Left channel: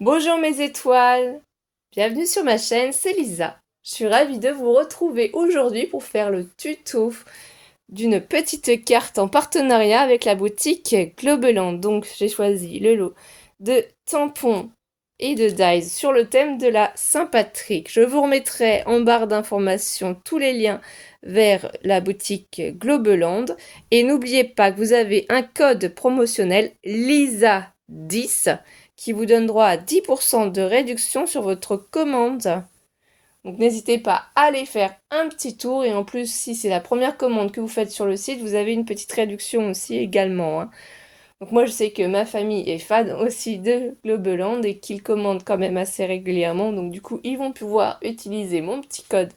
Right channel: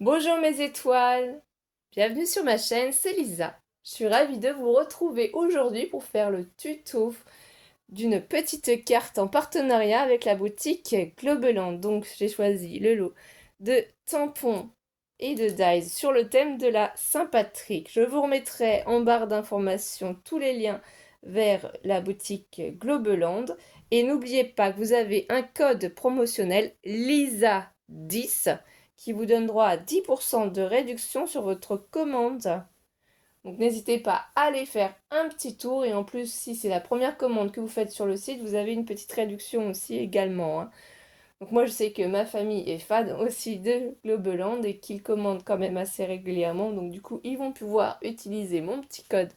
Bonjour mes étoiles, bienvenue sur ma chaîne, c'est Lisa. Je suis ravie de vous retrouver aujourd'hui pour faire le tuto d'une petite carte en partenariat avec la boutique Globeland. Donc j'ai choisi le lot de tampons et de dies sur le thème de la Saint-Patrick. Je vous remettrai en barre d'informations tous les liens vers la boutique Globeland. Et n'oubliez pas que vous avez un code promotionnel LISA10 qui vous donne droit à 10% de réduction sur votre commande. Donc n'hésitez pas à aller faire un petit tour et en plus si c'est la première commande que vous faites sur le site, vous avez une petite réduction aussi également. Donc moi je sais que ma famille est fan aussi de Globeland et qu'ils commandent quand même assez régulièrement. Donc du coup ils vont pouvoir utiliser mon petit code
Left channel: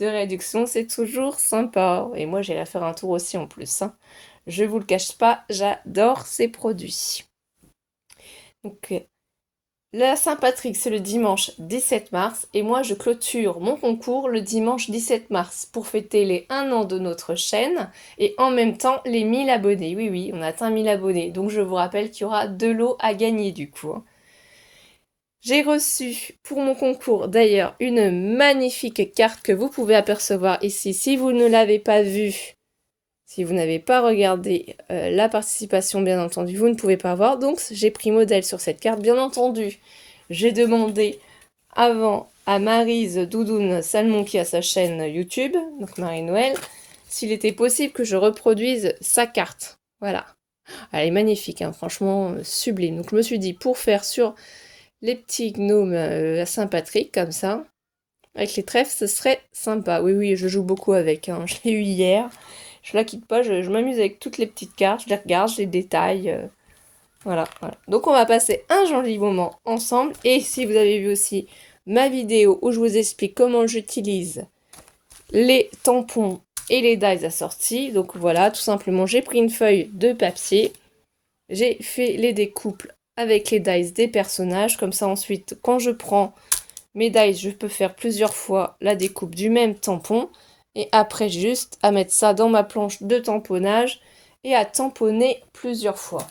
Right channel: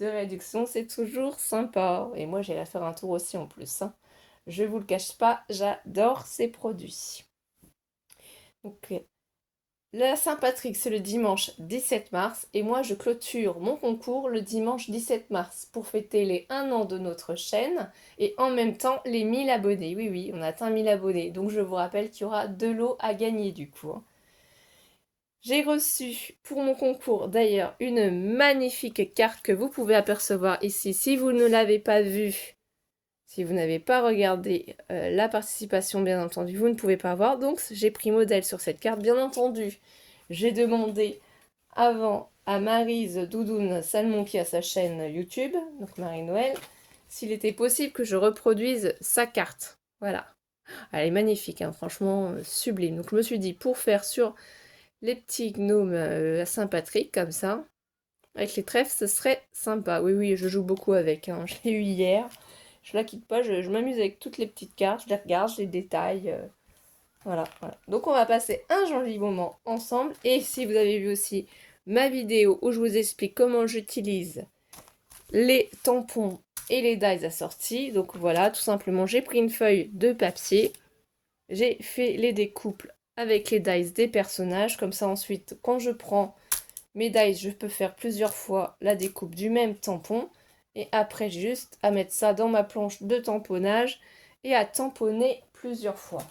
de réduction. C'est toujours sympa. Et moi j'irai faire un tour aussi en plus. Je vous le cache pas, j'adore ces produits. Donc la Saint-Patrick, c'est le dimanche 17 mars et moi je clôture mon concours le dimanche 17 mars pour fêter les 1 an de notre chaîne et en même temps les 1000 abonnés. Oui, oui, on a atteint 1000 abonnés. Donc je vous rappelle qu'il y aura 2 lots à gagner du coup. J'ai reçu pour mon concours d'ailleurs une magnifique carte que vous pouvez apercevoir ici. Si vous ne l'avez pas vue, si vous n'avez pas regardé la participation, bien entendu, vous ne pouvez pas voir. Donc, j'ai pris modèle sur cette carte, bien entendu. J'ai demandé avant à Maryse Doudoune Salmon qui a sa chaîne YouTube, donc Marie-Noël, s'il était possible que je reproduise sa carte. Voilà. Elle est magnifique, hein, franchement sublime. Donc, je me suis dit, pour faire sur les petits gnomes à Saint-Patrick, comme ça, avec les trèfles, ce serait sympa. Oui, oui, je joue beaucoup avec. Je l'ai eu hier. Je la quitte pas, je m'amuse avec toutes les petites cartes, je les regarde, je les détaille. Voilà, voilà. Donc on va passer un joli moment ensemble. Et si vous avez vu aussi ma vidéo où je vous explique comment j'utilise les tampons et les dies assortis. Donc voilà, tout simplement, j'ai pris une feuille de papier. J'ai fait les découpes avec les dies des personnages. Comme ça ensuite, quand je prends mes dies, je peux faire plusieurs fois la découpe du même tampon. Et après, juste à mettre ça dans ma planche de tamponnage et à tamponner plusieurs fois.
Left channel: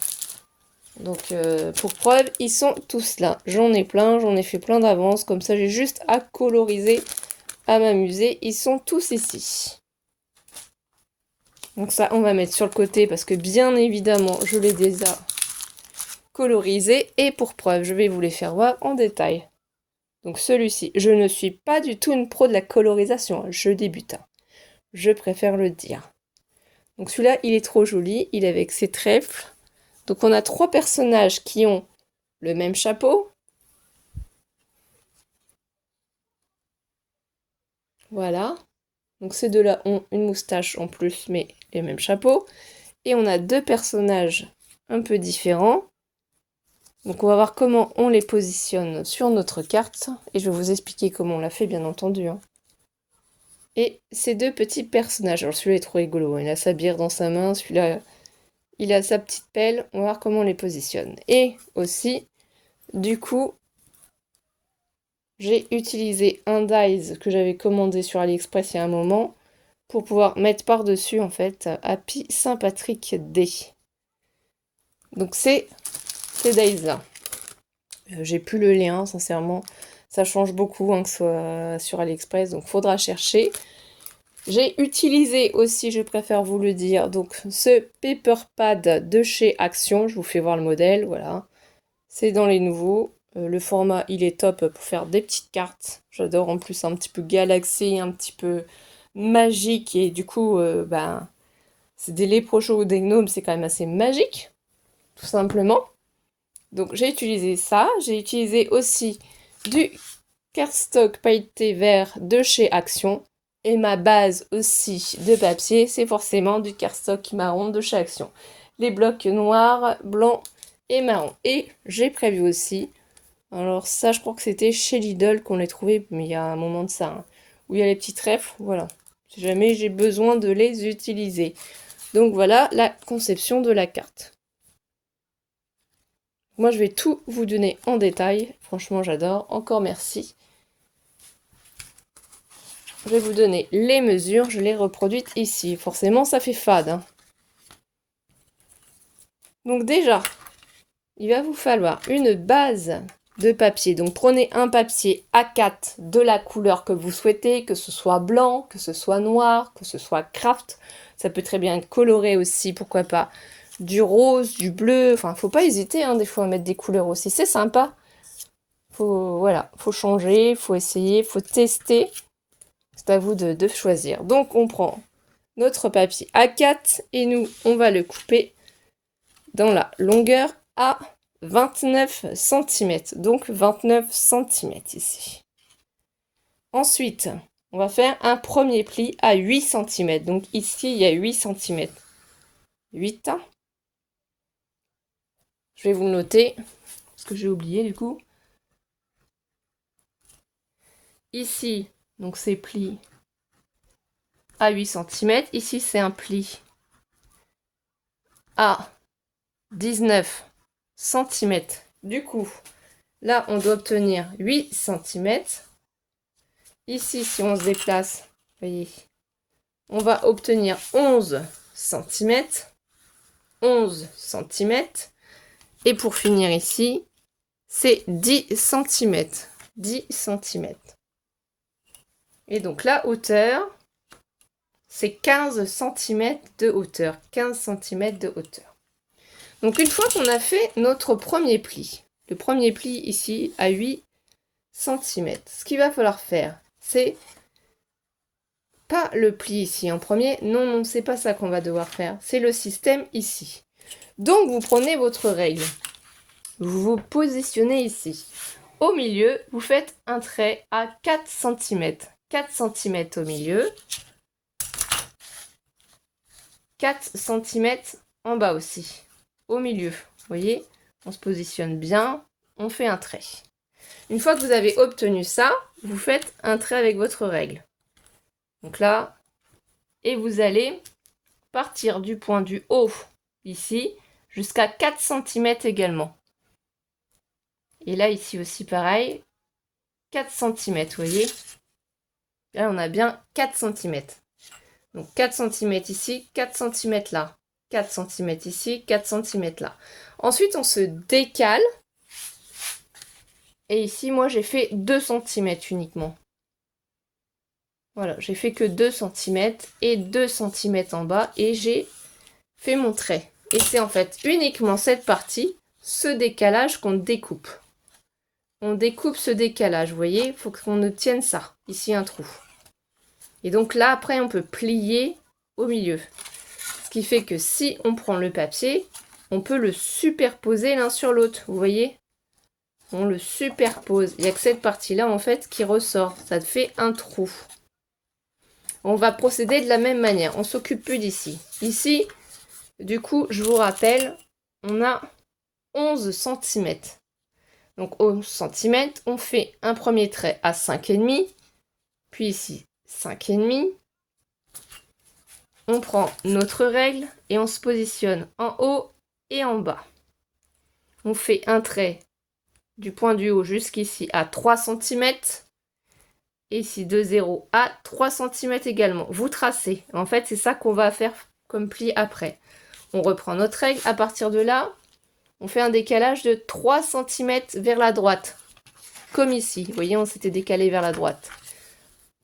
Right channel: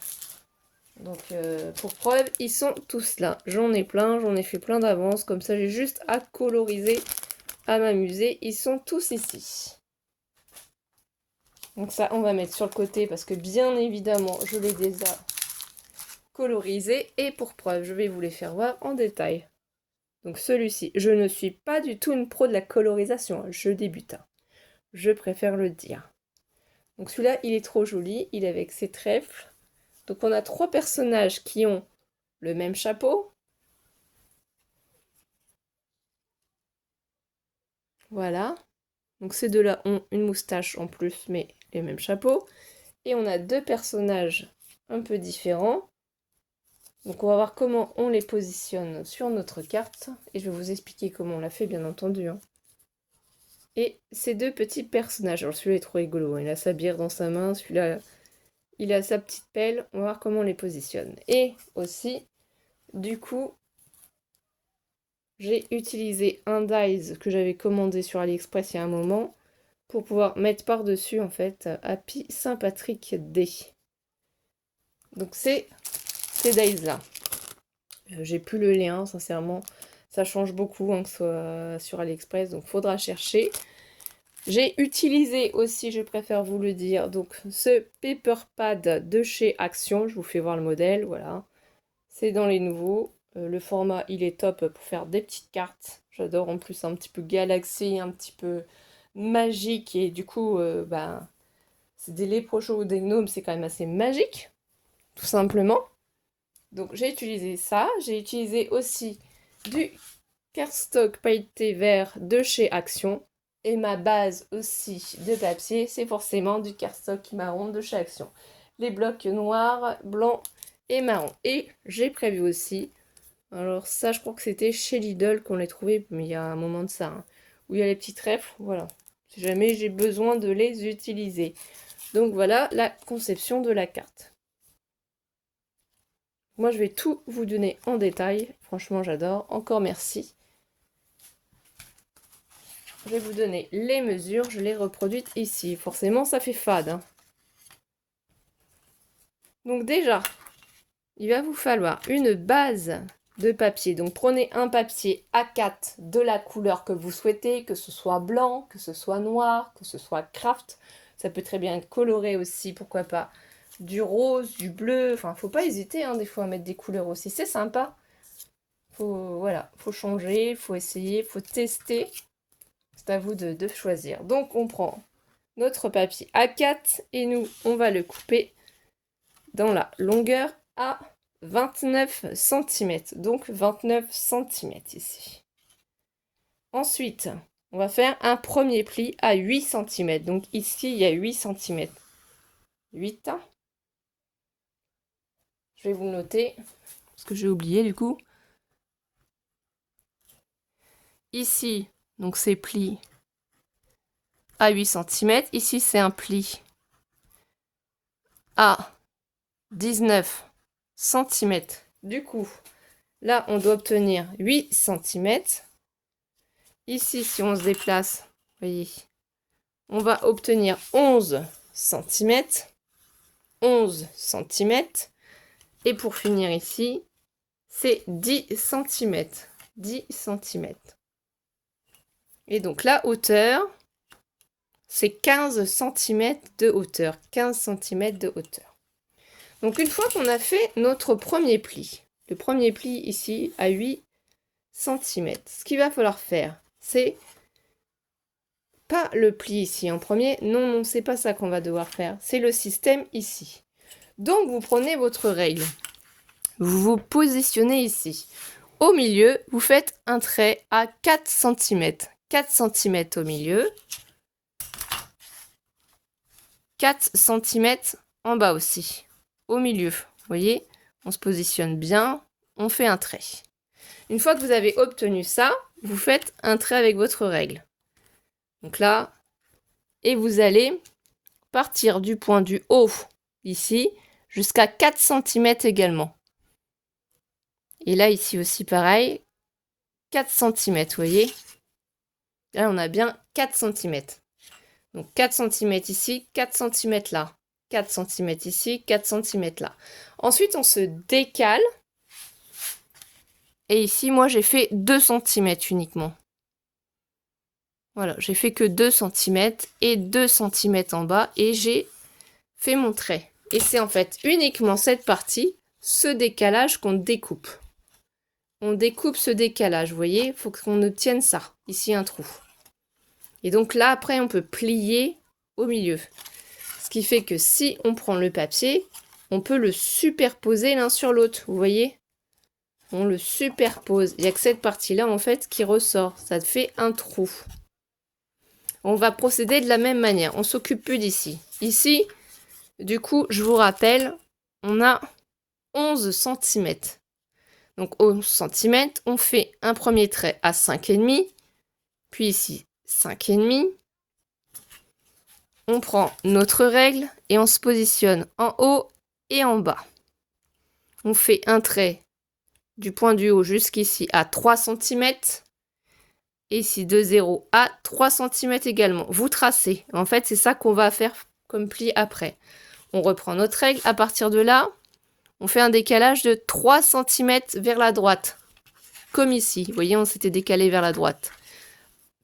Donc, pour preuve, ils sont tous là. J'en ai plein, j'en ai fait plein d'avance. Comme ça, j'ai juste à coloriser, à m'amuser. Ils sont tous ici. Donc ça, on va mettre sur le côté parce que bien évidemment, je les déjà colorisés. Et pour preuve, je vais vous les faire voir en détail. Donc celui-ci, je ne suis pas du tout une pro de la colorisation, je débute. Je préfère le dire. Donc celui-là, il est trop joli, il est avec ses trèfles. Donc on a 3 personnages qui ont le même chapeau. Voilà. Donc ces deux-là ont une moustache en plus, mais les mêmes chapeaux. Et on a 2 personnages un peu différents. Donc on va voir comment on les positionne sur notre carte. Et je vais vous expliquer comment on l'a fait, bien entendu. Et ces 2 petits personnages. Alors celui-là est trop rigolo. Il a sa bière dans sa main. Celui-là, il a sa petite pelle. On va voir comment on les positionne. Et aussi, du coup, j'ai utilisé un dies que j'avais commandé sur AliExpress il y a un moment pour pouvoir mettre par-dessus, en fait, Happy Saint-Patrick Day. Donc c'est ces dies-là. J'ai plus le lien, sincèrement. Ça change beaucoup, que ce soit sur AliExpress, donc faudra chercher. J'ai utilisé aussi, je préfère vous le dire, donc ce paper pad de chez Action. Je vous fais voir le modèle, voilà. C'est dans les nouveaux. Le format, il est top pour faire des petites cartes. J'adore en plus un petit peu galaxy, un petit peu magique. Et du coup, c'est des léprochaux ou des gnomes, c'est quand même assez magique, tout simplement. Donc j'ai utilisé ça. J'ai utilisé aussi du cardstock pailleté vert de chez Action. Et ma base aussi de papier, c'est forcément du cardstock marron de chez Action. Les blocs noirs, blancs et marron. Et j'ai prévu aussi, alors ça je crois que c'était chez Lidl qu'on les trouvait, mais il y a un moment de ça, où il y a les petits trèfles, voilà. Si jamais j'ai besoin de les utiliser. Donc voilà la conception de la carte. Moi je vais tout vous donner en détail, franchement j'adore, encore merci. Je vais vous donner les mesures, je les reproduites ici. Forcément, ça fait fade. Donc déjà, il va vous falloir une base de papier. Donc prenez un papier A4 de la couleur que vous souhaitez, que ce soit blanc, que ce soit noir, que ce soit craft. Ça peut très bien être coloré aussi, pourquoi pas. Du rose, du bleu, enfin faut pas hésiter hein, des fois à mettre des couleurs aussi, c'est sympa. Voilà, faut changer, faut essayer, faut tester. C'est à vous de choisir. Donc on prend notre papier A4 et nous on va le couper dans la longueur à 29 cm. Donc 29 cm ici. Ensuite, on va faire un premier pli à 8 cm. Donc ici, il y a 8 cm. 8. Je vais vous le noter, parce que j'ai oublié du coup. Ici, donc c'est pli à 8 cm. Ici, c'est un pli à 19 cm. Du coup, là, on doit obtenir 8 cm. Ici, si on se déplace, vous voyez, on va obtenir 11 cm. 11 cm. Et pour finir ici, c'est 10 cm. 10 cm. Et donc la hauteur, c'est 15 cm de hauteur. 15 cm de hauteur. Donc une fois qu'on a fait notre premier pli, le premier pli ici à 8 cm, ce qu'il va falloir faire, c'est pas le pli ici en premier, non, c'est pas ça qu'on va devoir faire, c'est le système ici. Donc vous prenez votre règle, vous vous positionnez ici. Au milieu, vous faites un trait à 4 cm. 4 cm au milieu. 4 cm en bas aussi. Au milieu, vous voyez, on se positionne bien, on fait un trait. Une fois que vous avez obtenu ça, vous faites un trait avec votre règle. Donc là, et vous allez partir du point du haut, ici, jusqu'à 4 cm également. Et là, ici aussi, pareil, 4 cm, vous voyez. Là, on a bien 4 cm. Donc 4 cm ici, 4 cm là. 4 cm ici, 4 cm là. Ensuite, on se décale. Et ici, moi, j'ai fait 2 cm uniquement. Voilà, j'ai fait que 2 cm et 2 cm en bas. Et j'ai fait mon trait. Et c'est en fait uniquement cette partie, ce décalage qu'on découpe. On découpe ce décalage, vous voyez, il faut qu'on obtienne ça. Ici, un trou. Et donc là, après, on peut plier au milieu. Ce qui fait que si on prend le papier, on peut le superposer l'un sur l'autre. Vous voyez? On le superpose. Il n'y a que cette partie-là, en fait, qui ressort. Ça fait un trou. On va procéder de la même manière. On s'occupe plus d'ici. Ici, du coup, je vous rappelle, on a 11 cm. Donc 11 cm, on fait un premier trait à 5,5. Puis ici, 5,5. On prend notre règle et on se positionne en haut et en bas. On fait un trait du point du haut jusqu'ici à 3 cm. Et ici de 0 à 3 cm également. Vous tracez. En fait, c'est ça qu'on va faire comme pli après. On reprend notre règle. À partir de là, on fait un décalage de 3 cm vers la droite. Comme ici. Vous voyez, on s'était décalé vers la droite.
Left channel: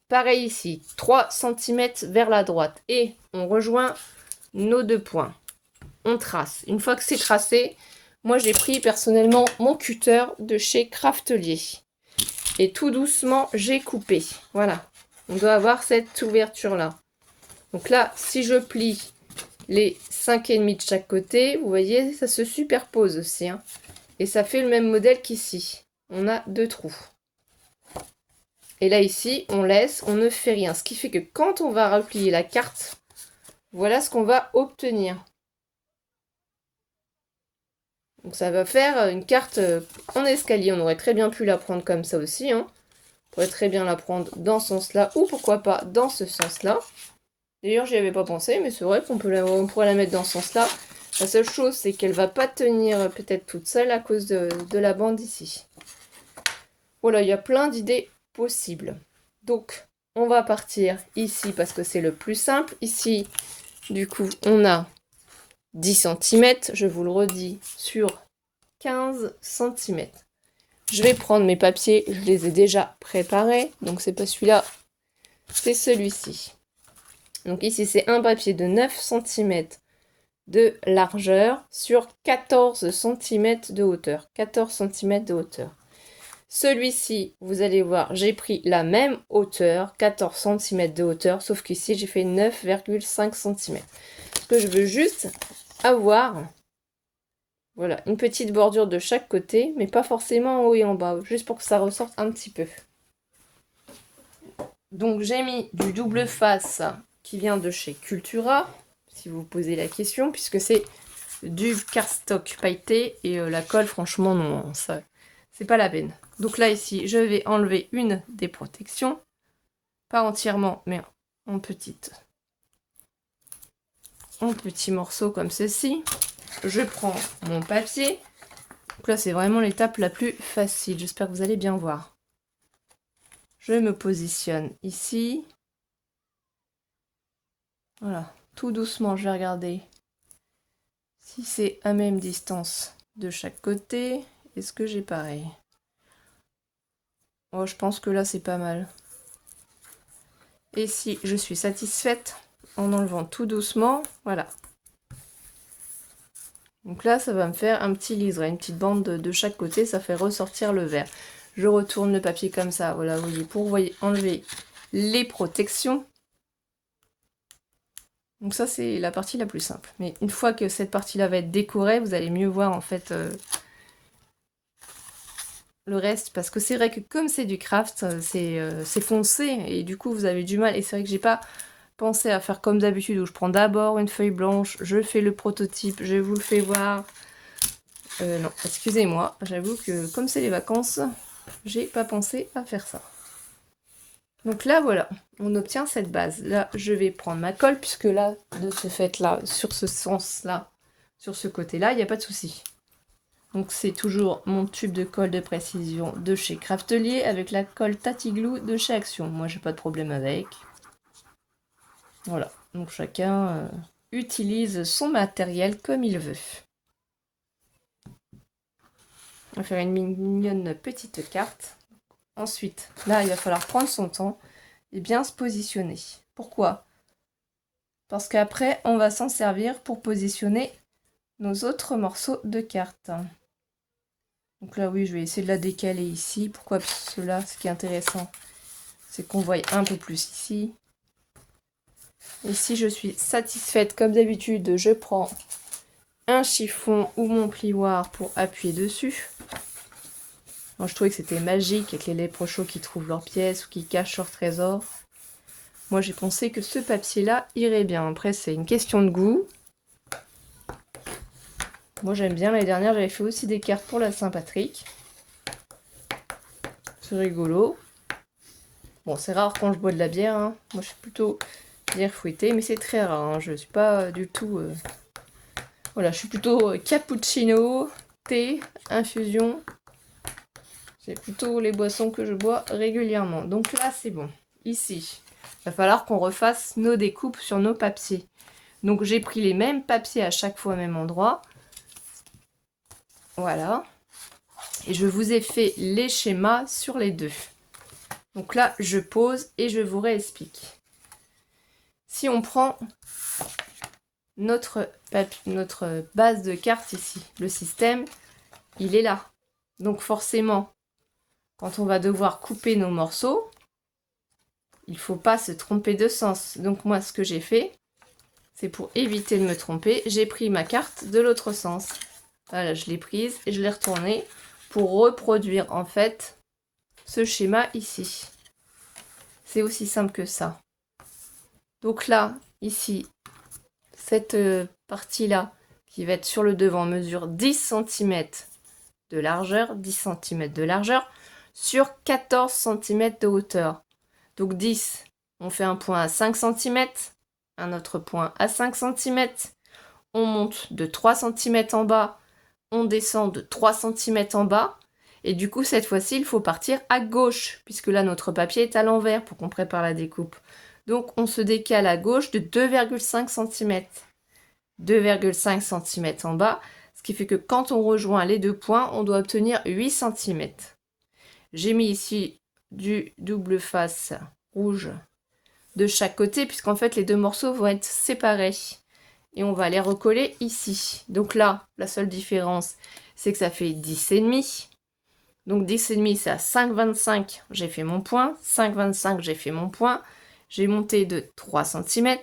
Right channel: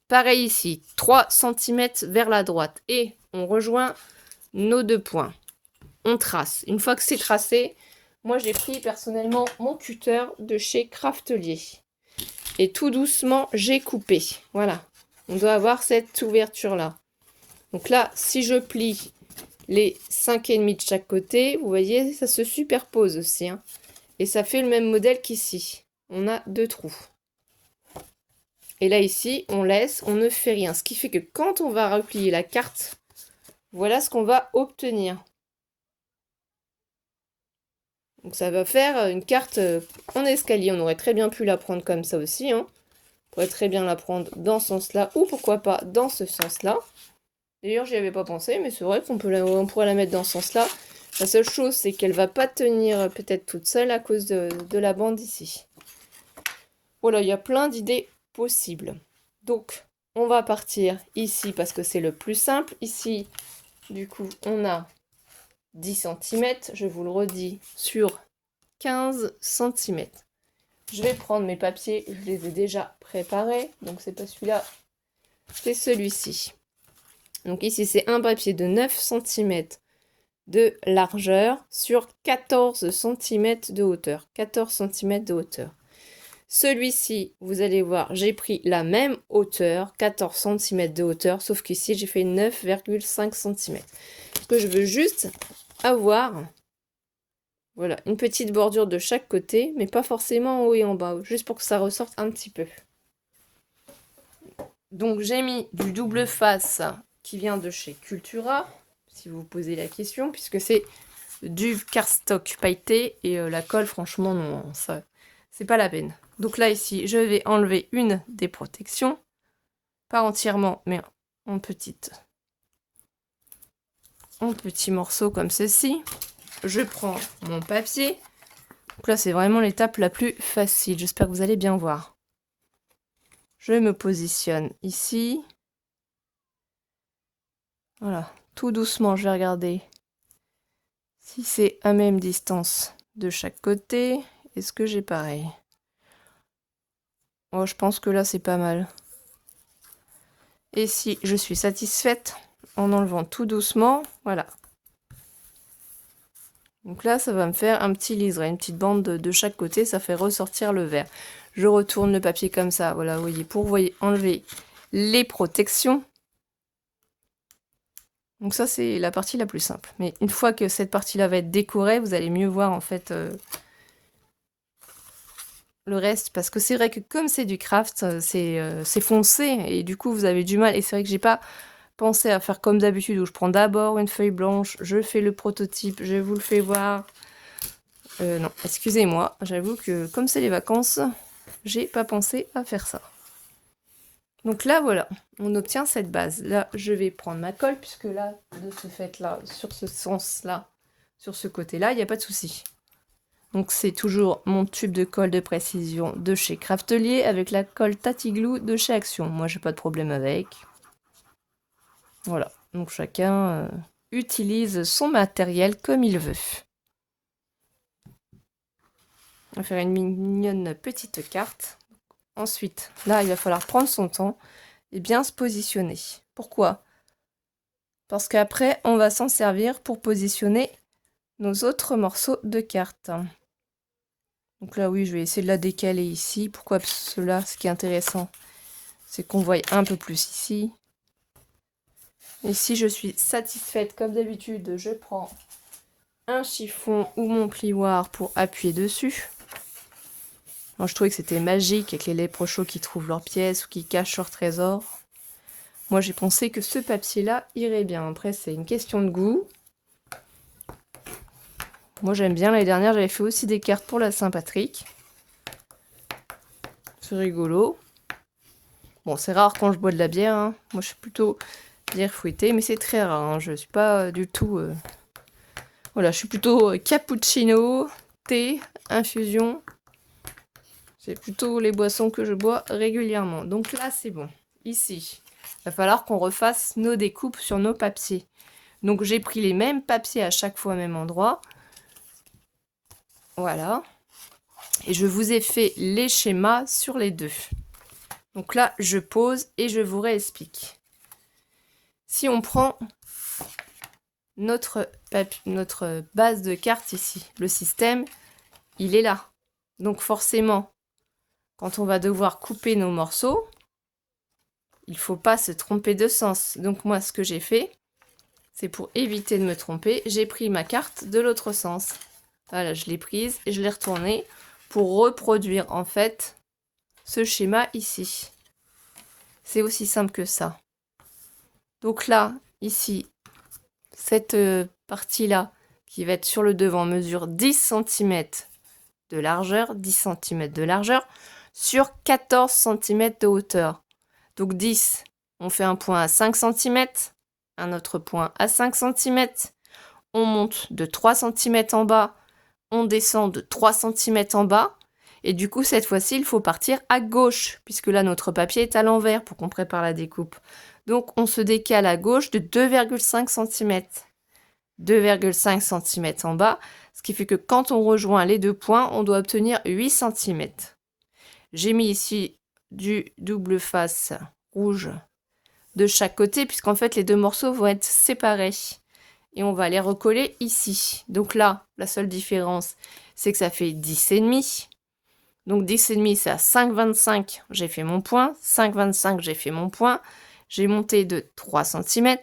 Pareil ici, 3 cm vers la droite. Et on rejoint nos deux points. On trace. Une fois que c'est tracé, moi j'ai pris personnellement mon cutter de chez Craftelier. Et tout doucement, j'ai coupé. Voilà. On doit avoir cette ouverture-là. Donc là, si je plie les 5,5 de chaque côté, vous voyez, ça se superpose aussi. Hein. Et ça fait le même modèle qu'ici. On a deux trous. Et là, ici, on laisse, on ne fait rien. Ce qui fait que quand on va replier la carte, voilà ce qu'on va obtenir. Donc ça va faire une carte en escalier. On aurait très bien pu la prendre comme ça aussi. Hein. On pourrait très bien la prendre dans ce sens-là ou pourquoi pas dans ce sens-là. D'ailleurs, j'y avais pas pensé, mais c'est vrai qu'on pourrait la mettre dans ce sens-là. La seule chose, c'est qu'elle va pas tenir peut-être toute seule à cause de la bande ici. Voilà, il y a plein d'idées possibles. Donc, on va partir ici parce que c'est le plus simple. Ici, du coup, on a 10 cm, je vous le redis, sur 15 cm. Je vais prendre mes papiers, je les ai déjà préparés. Donc c'est pas celui-là, c'est celui-ci. Donc ici c'est un papier de 9 cm de largeur sur 14 cm de hauteur. 14 cm de hauteur. Celui-ci, vous allez voir, j'ai pris la même hauteur, 14 cm de hauteur, sauf qu'ici j'ai fait 9,5 cm. Parce que je veux juste avoir, voilà, une petite bordure de chaque côté, mais pas forcément en haut et en bas, juste pour que ça ressorte un petit peu. Donc j'ai mis du double face qui vient de chez Cultura, si vous vous posez la question, puisque c'est du cardstock pailleté et la colle, franchement, non, ça, c'est pas la peine. Donc là, ici, je vais enlever une des protections, pas entièrement, mais en petits morceaux comme ceci. Je prends mon papier. Donc là, c'est vraiment l'étape la plus facile. J'espère que vous allez bien voir. Je me positionne ici. Voilà, tout doucement, je vais regarder si c'est à même distance de chaque côté. Est-ce que j'ai pareil? Oh, je pense que là, c'est pas mal. Et si je suis satisfaite en enlevant tout doucement, voilà. Donc là, ça va me faire un petit liseré, une petite bande de chaque côté, ça fait ressortir le vert. Je retourne le papier comme ça, voilà, vous voyez, pour enlever les protections. Donc ça, c'est la partie la plus simple. Mais une fois que cette partie-là va être décorée, vous allez mieux voir en fait le reste. Parce que c'est vrai que comme c'est du craft, c'est foncé et du coup, vous avez du mal. Et c'est vrai que j'ai pas pensé à faire comme d'habitude où je prends d'abord une feuille blanche, je fais le prototype, je vous le fais voir. Non, excusez-moi, j'avoue que comme c'est les vacances, j'ai pas pensé à faire ça. Donc là, voilà, on obtient cette base. Là, je vais prendre ma colle, puisque là, de ce fait-là, sur ce sens-là, sur ce côté-là, il n'y a pas de souci. Donc c'est toujours mon tube de colle de précision de chez Craftelier avec la colle Tatiglou de chez Action. Moi, j'ai pas de problème avec. Voilà, donc chacun utilise son matériel comme il veut. On va faire une mignonne petite carte. Ensuite, là, il va falloir prendre son temps et bien se positionner. Pourquoi? Parce qu'après, on va s'en servir pour positionner nos autres morceaux de carte. Donc là, oui, je vais essayer de la décaler ici. Pourquoi? Parce que là, ce qui est intéressant, c'est qu'on voit un peu plus ici. Et si je suis satisfaite, comme d'habitude, je prends un chiffon ou mon plioir pour appuyer dessus. Moi, je trouvais que c'était magique avec les léprochaux qui trouvent leurs pièces ou qui cachent leur trésor. Moi, j'ai pensé que ce papier-là irait bien. Après, c'est une question de goût. Moi, j'aime bien. L'année dernière, j'avais fait aussi des cartes pour la Saint-Patrick. C'est rigolo. Bon, c'est rare quand je bois de la bière. Hein. Moi, je suis plutôt bière fouettée, mais c'est très rare. Hein. Je ne suis pas du tout... Voilà, je suis plutôt cappuccino, thé, infusion. C'est plutôt les boissons que je bois régulièrement. Donc là, c'est bon. Ici, il va falloir qu'on refasse nos découpes sur nos papiers. Donc j'ai pris les mêmes papiers à chaque fois au même endroit. Voilà. Et je vous ai fait les schémas sur les deux. Donc là, je pose et je vous réexplique. Si on prend notre base de cartes ici, le système, il est là. Donc forcément, quand on va devoir couper nos morceaux, il ne faut pas se tromper de sens. Donc moi, ce que j'ai fait, c'est pour éviter de me tromper, j'ai pris ma carte de l'autre sens. Voilà, je l'ai prise et je l'ai retournée pour reproduire en fait ce schéma ici. C'est aussi simple que ça. Donc là, ici, cette partie-là qui va être sur le devant mesure 10 cm de largeur, 10 cm de largeur sur 14 cm de hauteur. Donc 10, on fait un point à 5 cm, un autre point à 5 cm, on monte de 3 cm en bas, on descend de 3 cm en bas, et du coup cette fois-ci il faut partir à gauche, puisque là notre papier est à l'envers pour qu'on prépare la découpe. Donc on se décale à gauche de 2,5 cm. 2,5 cm en bas, ce qui fait que quand on rejoint les deux points, on doit obtenir 8 cm. J'ai mis ici du double face rouge de chaque côté, puisqu'en fait les deux morceaux vont être séparés. Et on va les recoller ici. Donc là, la seule différence, c'est que ça fait 10,5. Donc 10,5, c'est à 5,25, j'ai fait mon point. 5,25, j'ai fait mon point. J'ai monté de 3 cm.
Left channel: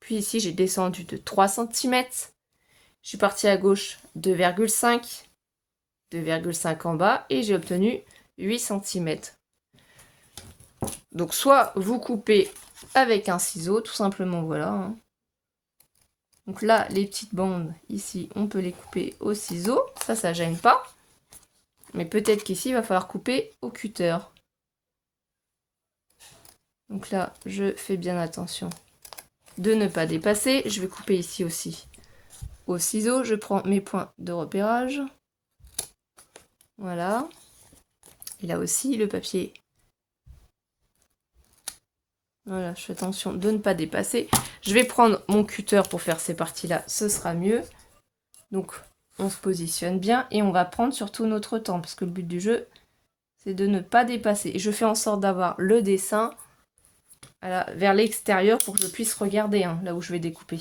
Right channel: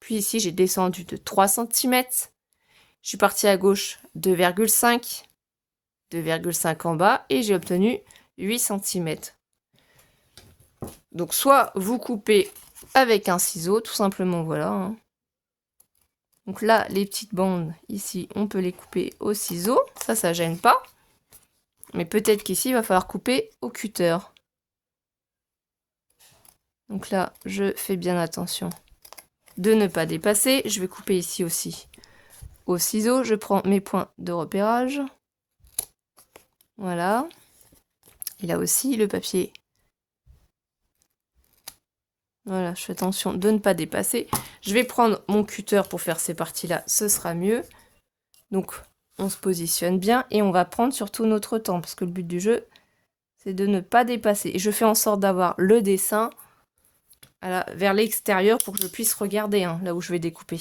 Puis ici, j'ai descendu de 3 cm. Je suis partie à gauche 2,5. 2,5 en bas. Et j'ai obtenu 8 cm. Donc soit vous coupez avec un ciseau, tout simplement, voilà. Hein. Donc là, les petites bandes, ici, on peut les couper au ciseau. Ça gêne pas. Mais peut-être qu'ici, il va falloir couper au cutter. Donc là, je fais bien attention de ne pas dépasser. Je vais couper ici aussi au ciseau. Je prends mes points de repérage. Voilà. Et là aussi, le papier. Voilà, je fais attention de ne pas dépasser. Je vais prendre mon cutter pour faire ces parties-là. Ce sera mieux. Donc, on se positionne bien et on va prendre surtout notre temps. Parce que le but du jeu, c'est de ne pas dépasser. Et je fais en sorte d'avoir le dessin vers l'extérieur pour que je puisse regarder hein, là où je vais découper.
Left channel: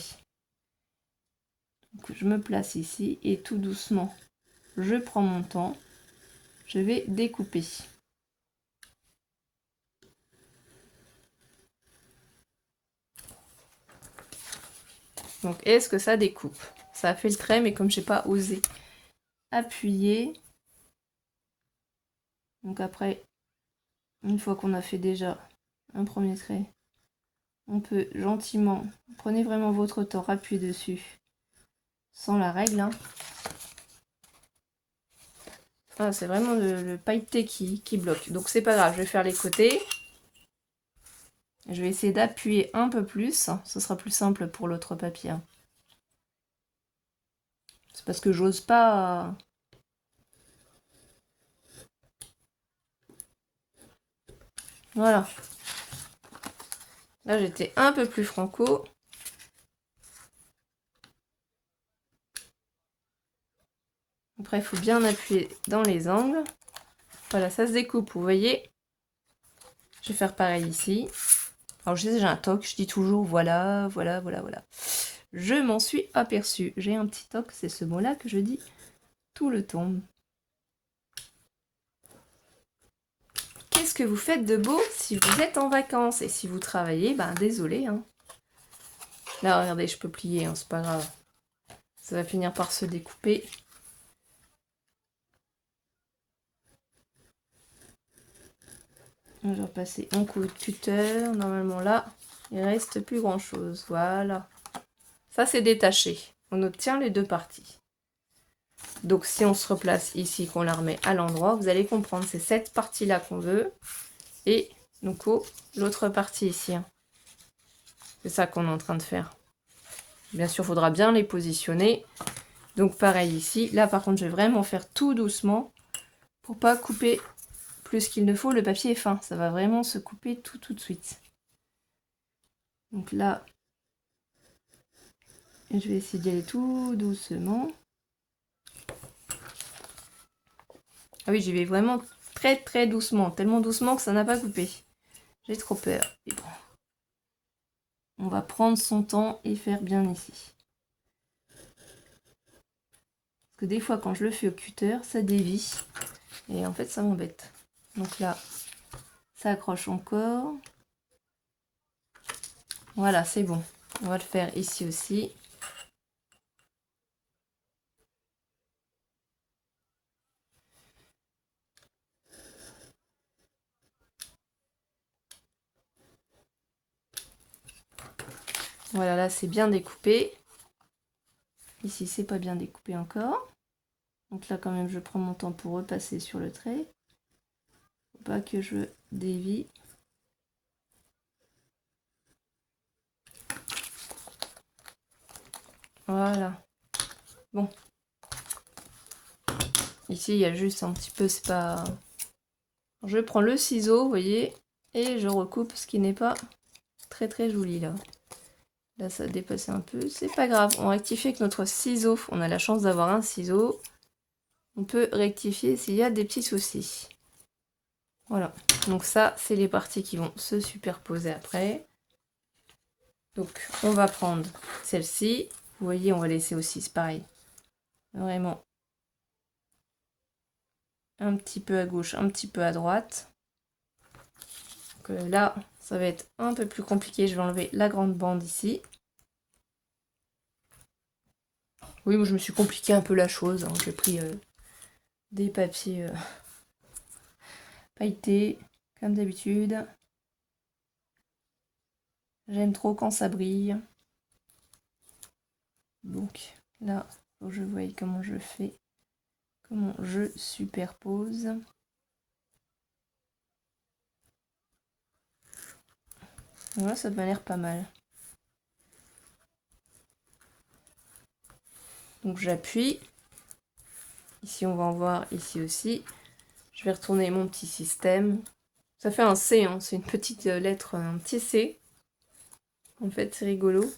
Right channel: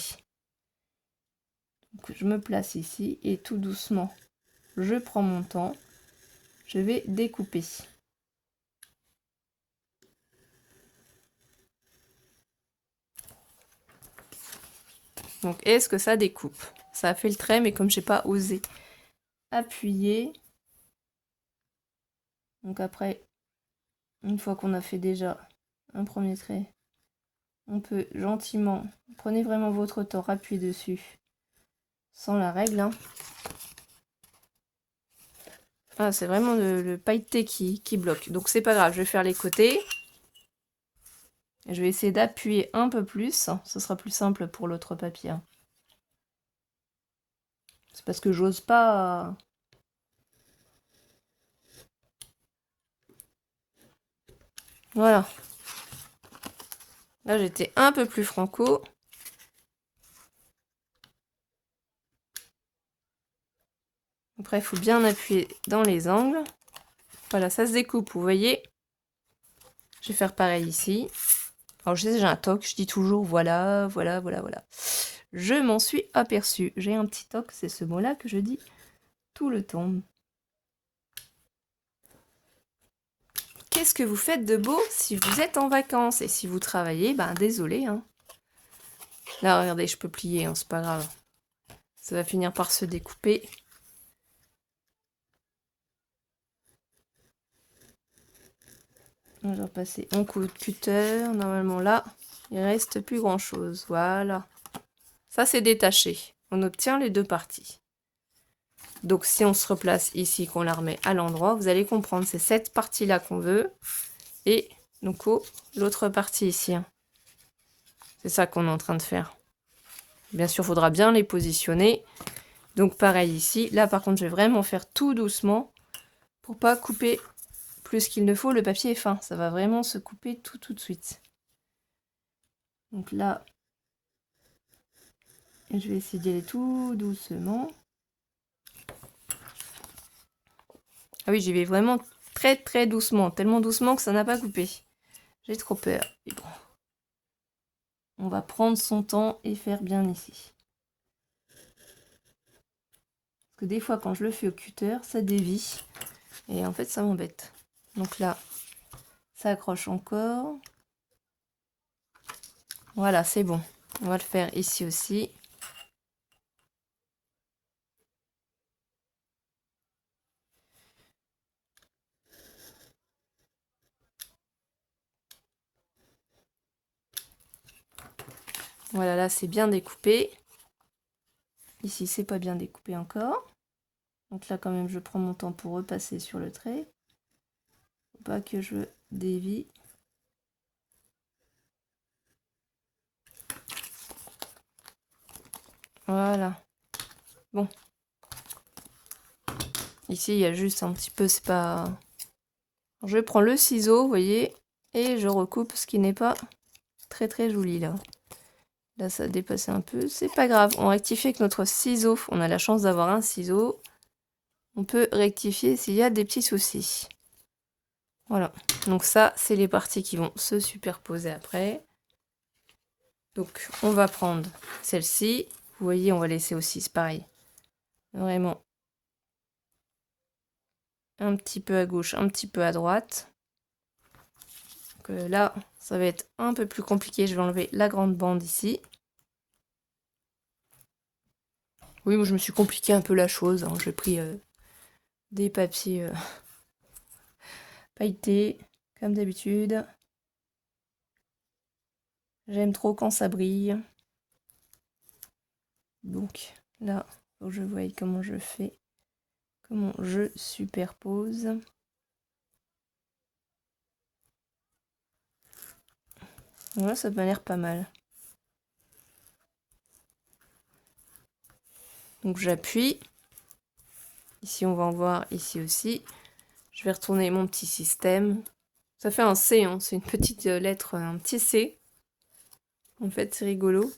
Donc, je me place ici et tout doucement, je prends mon temps. Je vais découper. Donc, est-ce que ça découpe? Ça a fait le trait, mais comme j'ai pas osé appuyer. Donc après, une fois qu'on a fait déjà un premier trait, on peut gentiment, prenez vraiment votre temps, appuyez dessus, sans la règle. Hein. Ah, c'est vraiment le pailleté qui bloque. Donc c'est pas grave, je vais faire les côtés. Je vais essayer d'appuyer un peu plus. Ce sera plus simple pour l'autre papier. C'est parce que j'ose pas... Voilà. Là, j'étais un peu plus franco. Après, il faut bien appuyer dans les angles. Voilà, ça se découpe, vous voyez. Je vais faire pareil ici. Alors, je sais, j'ai un toc, je dis toujours voilà, voilà, voilà, voilà. Je m'en suis aperçue. J'ai un petit toc, c'est ce mot-là que je dis tout le temps. Qu'est-ce que vous faites de beau si vous êtes en vacances? Et si vous travaillez, ben désolé. Hein. Là, regardez, je peux plier, hein, c'est pas grave. Ça va finir par se découper. Je vais repasser un coup de cutter. Normalement, là, il reste plus grand-chose. Voilà. Ça, c'est détaché. On obtient les deux parties. Donc, si on se replace ici, qu'on la remet à l'endroit, vous allez comprendre, c'est cette partie-là qu'on veut. Et, du coup, l'autre partie ici. Hein. C'est ça qu'on est en train de faire. Bien sûr, il faudra bien les positionner. Donc, pareil ici. Là, par contre, je vais vraiment faire tout doucement pour pas couper plus qu'il ne faut. Le papier est fin. Ça va vraiment se couper tout de suite. Donc là, je vais essayer d'y aller tout doucement. Ah oui, j'y vais vraiment très doucement. Tellement doucement que ça n'a pas coupé. J'ai trop peur. Et bon. On va prendre son temps et faire bien ici. Parce que des fois, quand je le fais au cutter, ça dévie. Et en fait, ça m'embête. Donc là, ça accroche encore. Voilà, c'est bon. On va le faire ici aussi. Voilà, là, c'est bien découpé. Ici, c'est pas bien découpé encore. Donc là, quand même, je prends mon temps pour repasser sur le trait. Faut pas que je dévie. Voilà. Bon. Ici, il y a juste un petit peu, c'est pas... Je prends le ciseau, vous voyez, et je recoupe ce qui n'est pas très joli, là. Là, ça a dépassé un peu. C'est pas grave. On rectifie avec notre ciseau. On a la chance d'avoir un ciseau. On peut rectifier s'il y a des petits soucis. Voilà, donc ça, c'est les parties qui vont se superposer après. Donc, on va prendre celle-ci. Vous voyez, on va laisser aussi, c'est pareil. Vraiment. Un petit peu à gauche, un petit peu à droite. Donc là, ça va être un peu plus compliqué. Je vais enlever la grande bande ici. Oui, moi, je me suis compliqué un peu la chose. Hein. J'ai pris des papiers pailletés, comme d'habitude. J'aime trop quand ça brille. Donc là, faut que je voie comment je fais, comment je superpose. Voilà, ça m'a l'air pas mal. Donc j'appuie. Ici, on va en voir, ici aussi. Je vais retourner mon petit système. Ça fait un C, hein, c'est une petite lettre, un petit C. En fait, c'est rigolo.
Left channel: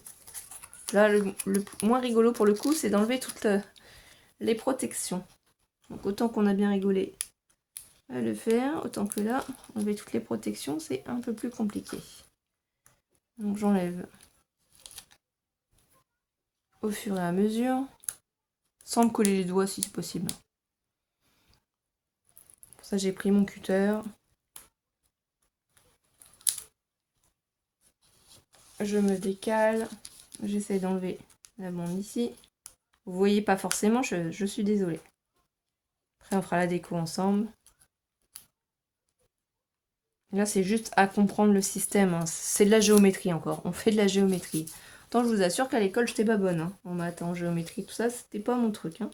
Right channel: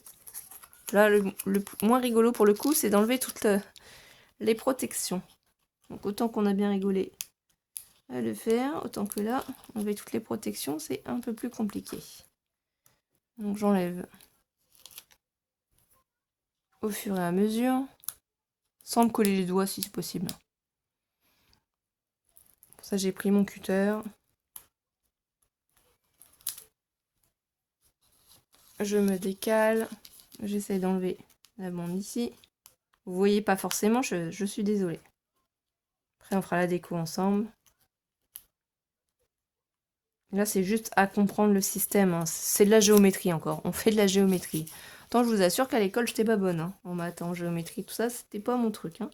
Là, le moins rigolo pour le coup, c'est d'enlever toutes les protections. Donc autant qu'on a bien rigolé à le faire, autant que là, enlever toutes les protections, c'est un peu plus compliqué. Donc j'enlève au fur et à mesure, sans me coller les doigts si c'est possible. Pour ça, j'ai pris mon cutter. Je me décale. J'essaie d'enlever la bande ici. Vous voyez pas forcément, je suis désolée. Après, on fera la déco ensemble. Là, c'est juste à comprendre le système. Hein. C'est de la géométrie encore. On fait de la géométrie. Tant je vous assure qu'à l'école, j'étais pas bonne. Hein. En maths, en géométrie, tout ça, c'était pas mon truc. Hein.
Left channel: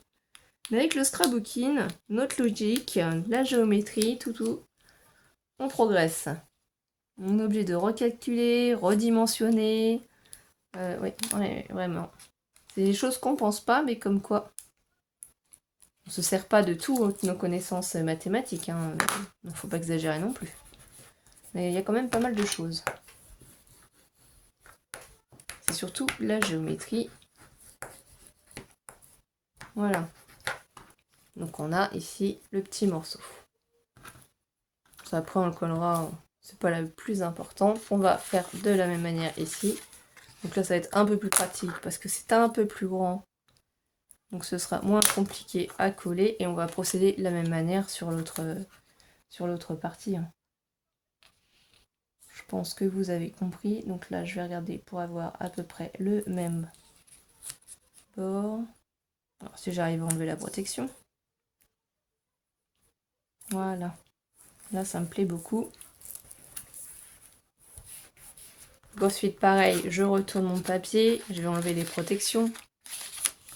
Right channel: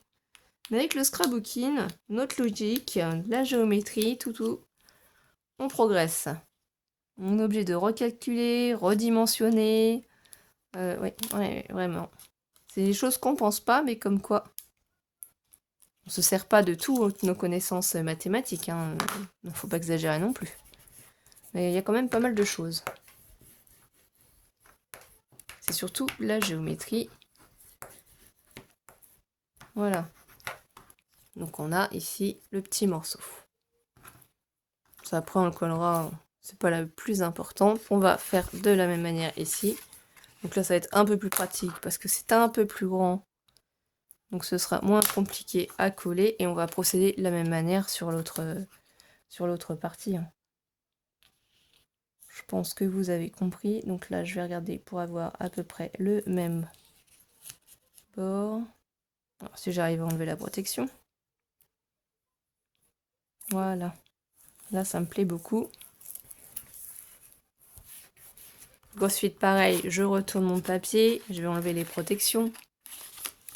Mais avec le scrapbooking, notre logique, la géométrie, tout, on progresse. On est obligé de recalculer, redimensionner. Ouais, vraiment. C'est des choses qu'on pense pas, mais comme quoi. On se sert pas de toutes nos connaissances mathématiques. Hein. Il ne faut pas exagérer non plus. Mais il y a quand même pas mal de choses. C'est surtout la géométrie. Voilà. Donc on a ici le petit morceau. Ça après on le collera, c'est pas la plus importante. On va faire de la même manière ici. Donc là ça va être un peu plus pratique parce que c'est un peu plus grand. Donc ce sera moins compliqué à coller et on va procéder de la même manière sur l'autre partie. Hein. Je pense que vous avez compris. Donc là je vais regarder pour avoir à peu près le même bord. Alors, si j'arrive à enlever la protection. Voilà. Là ça me plaît beaucoup. Ensuite, pareil, je retourne mon papier, je vais enlever les protections.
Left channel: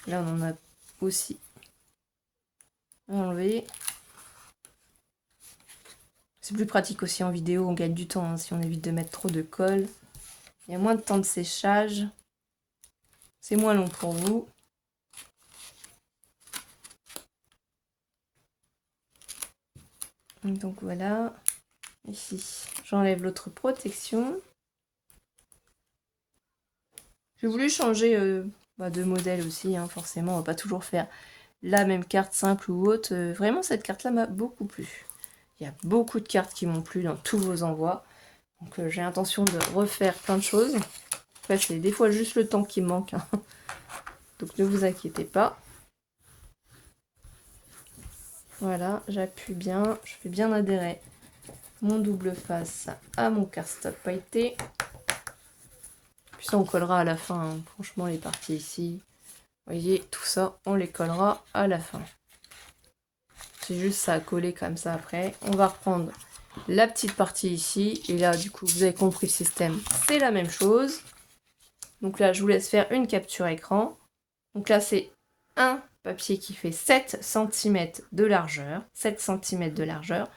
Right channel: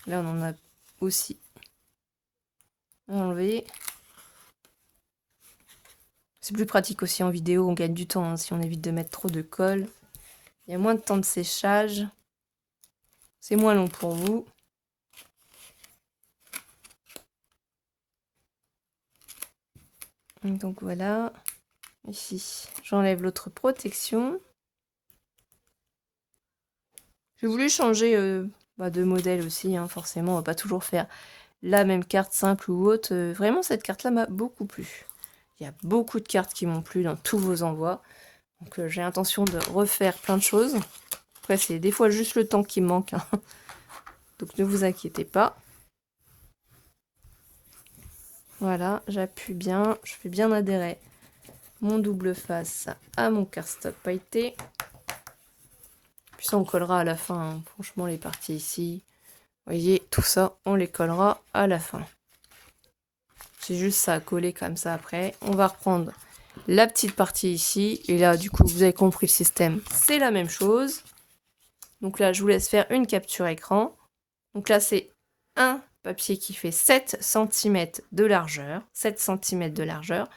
Là, on en a aussi enlevé. C'est plus pratique aussi en vidéo, on gagne du temps hein, si on évite de mettre trop de colle. Il y a moins de temps de séchage. C'est moins long pour vous. Donc voilà. Ici, j'enlève l'autre protection. J'ai voulu changer de modèle aussi, hein, forcément, on va pas toujours faire la même carte simple ou autre. Vraiment, cette carte-là m'a beaucoup plu. Il y a beaucoup de cartes qui m'ont plu dans tous vos envois. Donc j'ai l'intention de refaire plein de choses. Après, c'est des fois juste le temps qui me manque. Hein. Donc ne vous inquiétez pas. Voilà, j'appuie bien, je fais bien adhérer mon double face à mon cardstock pailleté. Puis ça, on collera à la fin. Hein. Franchement, les parties ici, vous voyez, tout ça, on les collera à la fin. C'est juste ça à coller comme ça après. On va reprendre la petite partie ici. Et là, du coup, vous avez compris le système. C'est la même chose. Donc là, je vous laisse faire une capture écran. Donc là, c'est un papier qui fait 7 cm de largeur. 7 cm de largeur.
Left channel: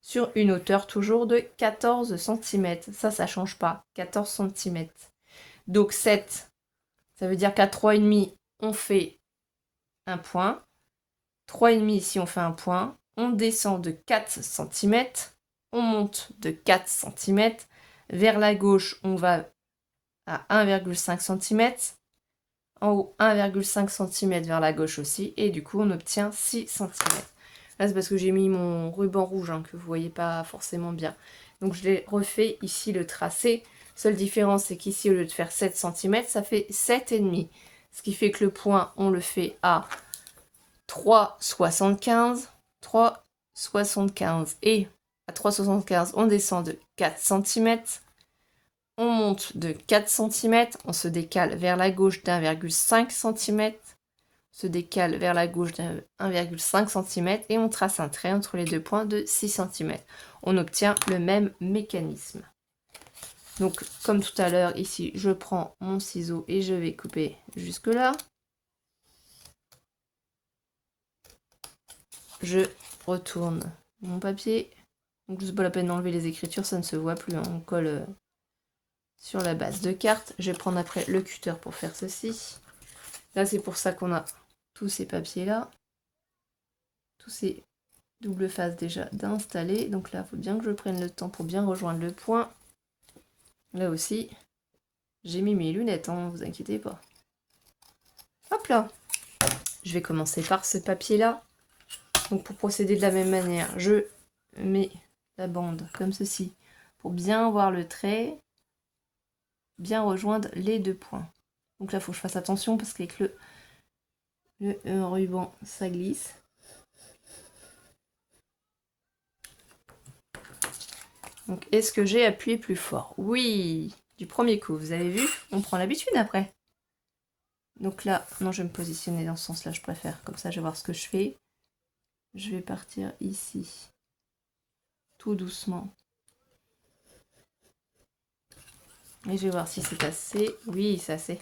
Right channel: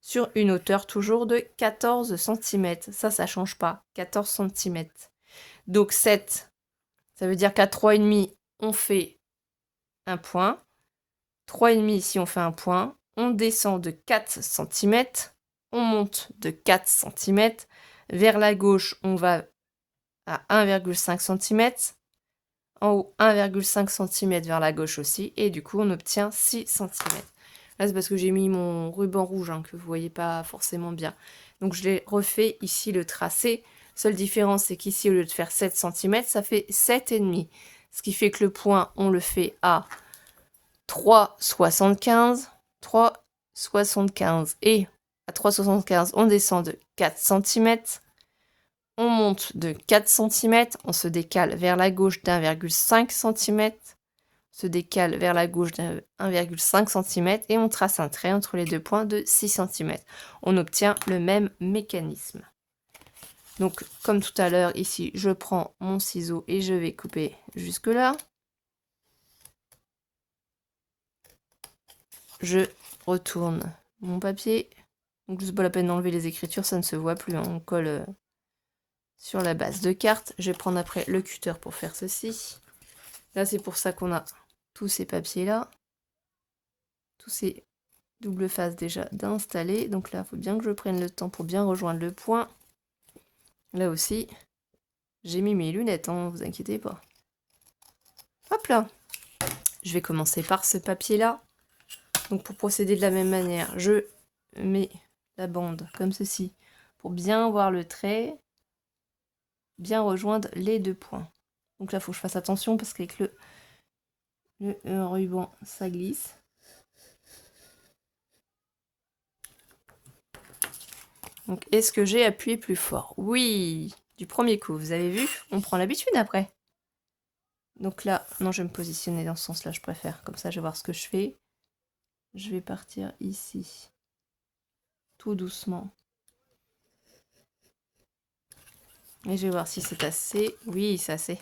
Sur une hauteur toujours de 14 cm. Ça ne change pas. 14 cm. Donc 7, ça veut dire qu'à 3,5, on fait un point. 3,5 ici, on fait un point. On descend de 4 cm. On monte de 4 cm. Vers la gauche, on va à 1,5 cm. En haut, 1,5 cm vers la gauche aussi. Et du coup, on obtient 6 cm. Là, c'est parce que j'ai mis mon ruban rouge, hein, que vous voyez pas forcément bien. Donc, je l'ai refait ici le tracé. Seule différence, c'est qu'ici, au lieu de faire 7 cm, ça fait 7,5. Ce qui fait que le point, on le fait à 3,75. 3,75. Et à 3,75, on descend de 4 cm. On monte de 4 cm. On se décale vers la gauche d'1,5 cm. Se décale vers la gauche de 1,5 cm et on trace un trait entre les deux points de 6 cm. On obtient le même mécanisme. Donc, comme tout à l'heure, ici, je prends mon ciseau et je vais couper jusque là. Je retourne mon papier. Donc, c'est pas la peine d'enlever les écritures, ça ne se voit plus. Hein. On colle sur la base de carte. Je vais prendre après le cutter pour faire ceci. Là, c'est pour ça qu'on a tous ces papiers-là. Tous ces doubles faces déjà d'installer. Donc là, il faut bien que je prenne le temps pour bien rejoindre le point. Là aussi, j'ai mis mes lunettes, hein, vous inquiétez pas. Hop là. Je vais commencer par ce papier-là. Donc pour procéder de la même manière, je mets la bande comme ceci pour bien voir le trait, bien rejoindre les deux points. Donc là, il faut que je fasse attention parce qu'avec le ruban, ça glisse. Donc, est-ce que j'ai appuyé plus fort? Oui, du premier coup, vous avez vu, on prend l'habitude après. Donc là, non, je vais me positionner dans ce sens-là, je préfère. Comme ça, je vais voir ce que je fais. Je vais partir ici, tout doucement. Et je vais voir si c'est assez. Oui, c'est assez.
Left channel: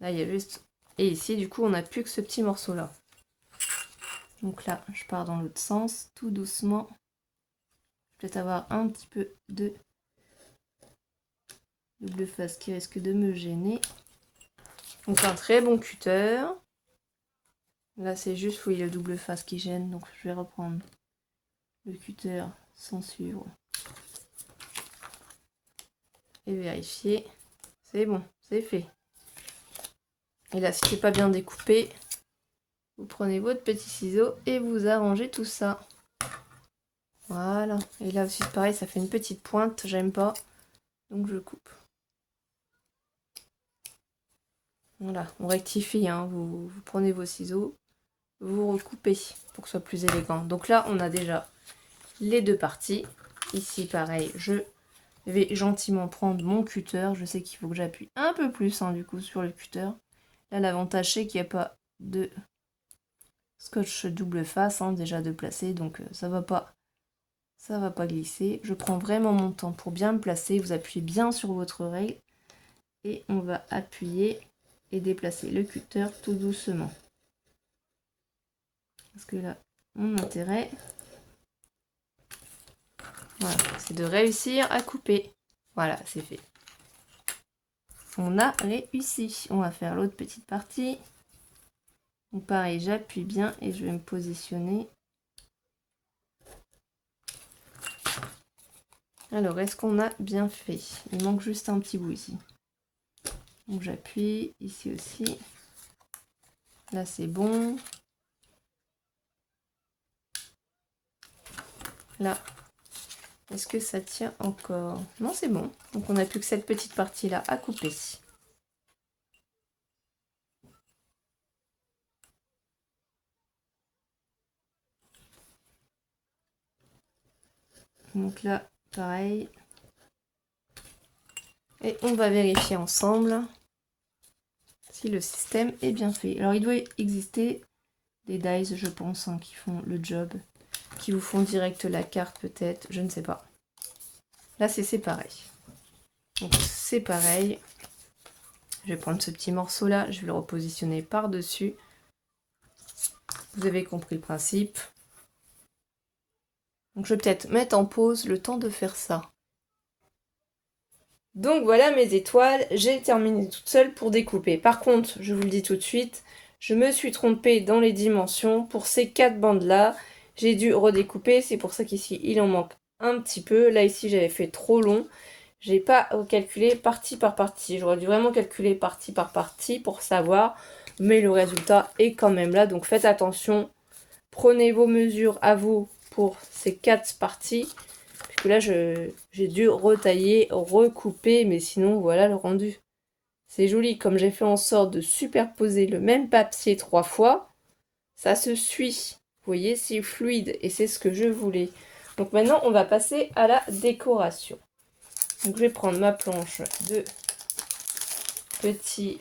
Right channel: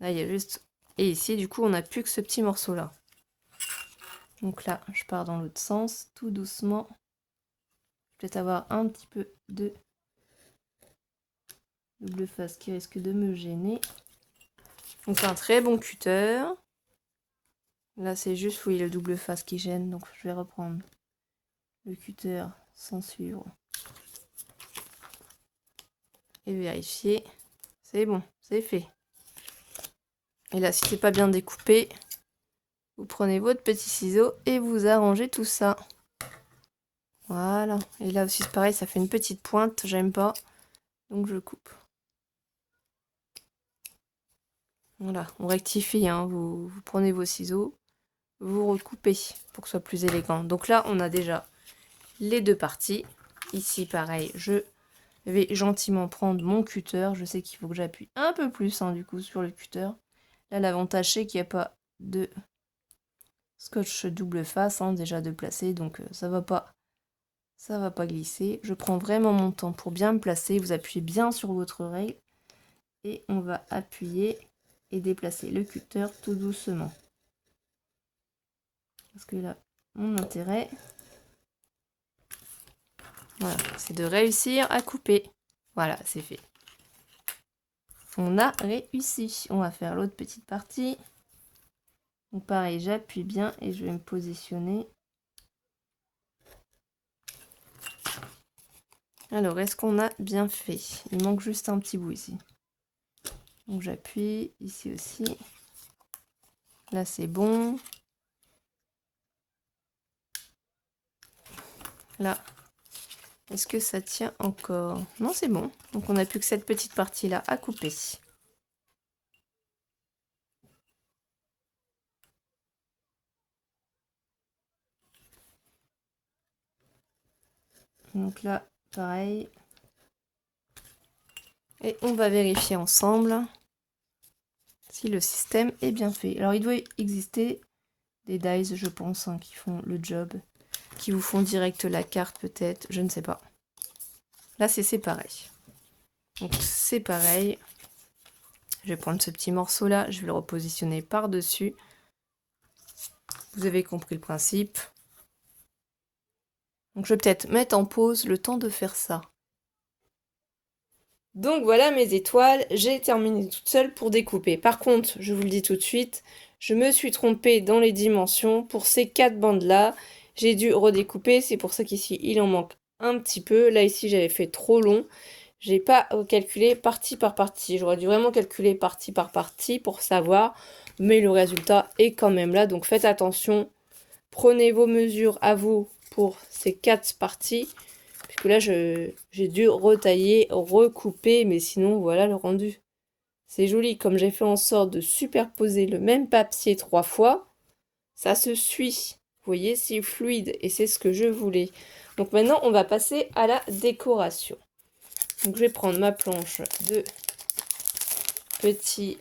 Là, il y a juste... Et ici, du coup, on n'a plus que ce petit morceau-là. Donc là, je pars dans l'autre sens, tout doucement. Peut-être avoir un petit peu de double face qui risque de me gêner. Donc un très bon cutter. Là, c'est juste, oui, le double face qui gêne. Donc, je vais reprendre le cutter sans suivre. Et vérifier. C'est bon, c'est fait. Et là, si c'est pas bien découpé, vous prenez votre petit ciseau et vous arrangez tout ça. Voilà. Et là aussi, c'est pareil, ça fait une petite pointe. J'aime pas. Donc, je coupe. Voilà, on rectifie. Hein. Vous prenez vos ciseaux, vous recoupez pour que ce soit plus élégant. Donc là, on a déjà les deux parties. Ici, pareil, je vais gentiment prendre mon cutter. Je sais qu'il faut que j'appuie un peu plus, hein, du coup, sur le cutter. Là, l'avantage, c'est qu'il n'y a pas de scotch double face, hein, déjà de placer. Donc, ça va pas glisser. Je prends vraiment mon temps pour bien me placer. Vous appuyez bien sur votre oreille. Et on va appuyer et déplacer le cutter tout doucement. Parce que là, mon intérêt, voilà, c'est de réussir à couper. Voilà, c'est fait. On a réussi. On va faire l'autre petite partie. Donc pareil, j'appuie bien et je vais me positionner. Alors, est-ce qu'on a bien fait? Il manque juste un petit bout ici. Donc j'appuie, ici aussi. Là, c'est bon. Là, est-ce que ça tient encore? Non, c'est bon. Donc on n'a plus que cette petite partie-là à couper. Donc là, pareil. Et on va vérifier ensemble si le système est bien fait. Alors, il doit exister des dies, je pense, hein, qui font le job, qui vous font direct la carte peut-être, je ne sais pas. Là, c'est pareil. Donc, c'est pareil. Je vais prendre ce petit morceau-là, je vais le repositionner par-dessus. Vous avez compris le principe. Donc, je vais peut-être mettre en pause le temps de faire ça. Donc voilà mes étoiles, j'ai terminé toute seule pour découper. Par contre, je vous le dis tout de suite, je me suis trompée dans les dimensions. Pour ces 4 bandes-là, j'ai dû redécouper. C'est pour ça qu'ici, il en manque un petit peu. Là, ici, j'avais fait trop long. J'ai pas calculé partie par partie. J'aurais dû vraiment calculer partie par partie pour savoir. Mais le résultat est quand même là. Donc faites attention prenez vos mesures à vous pour ces 4 parties. Parce que là, j'ai dû retailler, recouper, mais sinon, voilà le rendu. C'est joli, comme j'ai fait en sorte de superposer le même papier 3 fois, ça se suit. Vous voyez, c'est fluide et c'est ce que je voulais. Donc maintenant, on va passer à la décoration. Donc je vais prendre ma planche de petits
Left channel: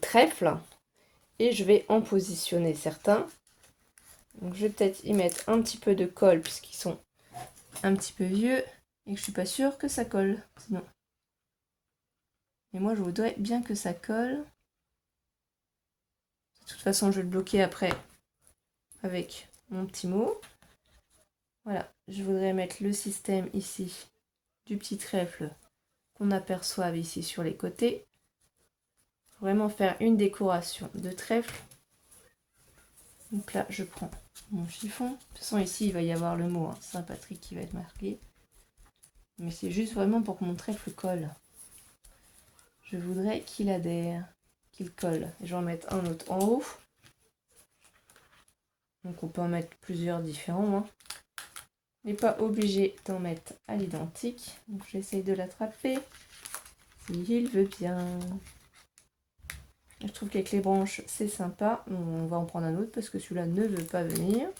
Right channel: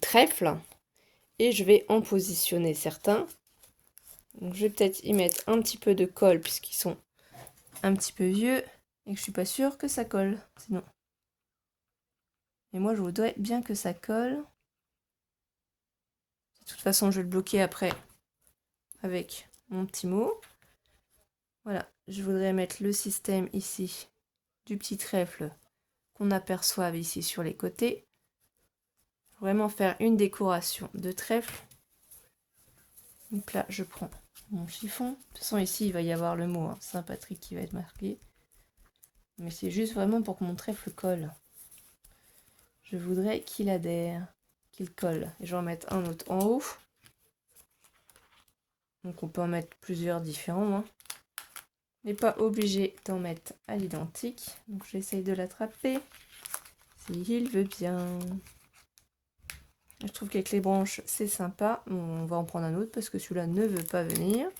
trèfle et je vais en positionner certains. Donc je vais peut-être y mettre un petit peu de colle puisqu'ils sont un petit peu vieux et que je suis pas sûre que ça colle sinon. Et moi je voudrais bien que ça colle. De toute façon je vais le bloquer après avec mon petit mot. Voilà, je voudrais mettre le système ici du petit trèfle qu'on aperçoit ici sur les côtés. Vraiment faire une décoration de trèfle. Donc là, je prends mon chiffon. De toute façon, ici, il va y avoir le mot Saint-Patrick qui va être marqué. Mais c'est juste vraiment pour que mon trèfle colle. Je voudrais qu'il adhère, qu'il colle. Et je vais en mettre un autre en haut. Donc on peut en mettre plusieurs différents. On n'est pas obligé d'en mettre à l'identique. Donc j'essaye de l'attraper. S'il veut bien. Je trouve qu'avec les branches, c'est sympa. On va en prendre un autre parce que celui-là ne veut pas venir.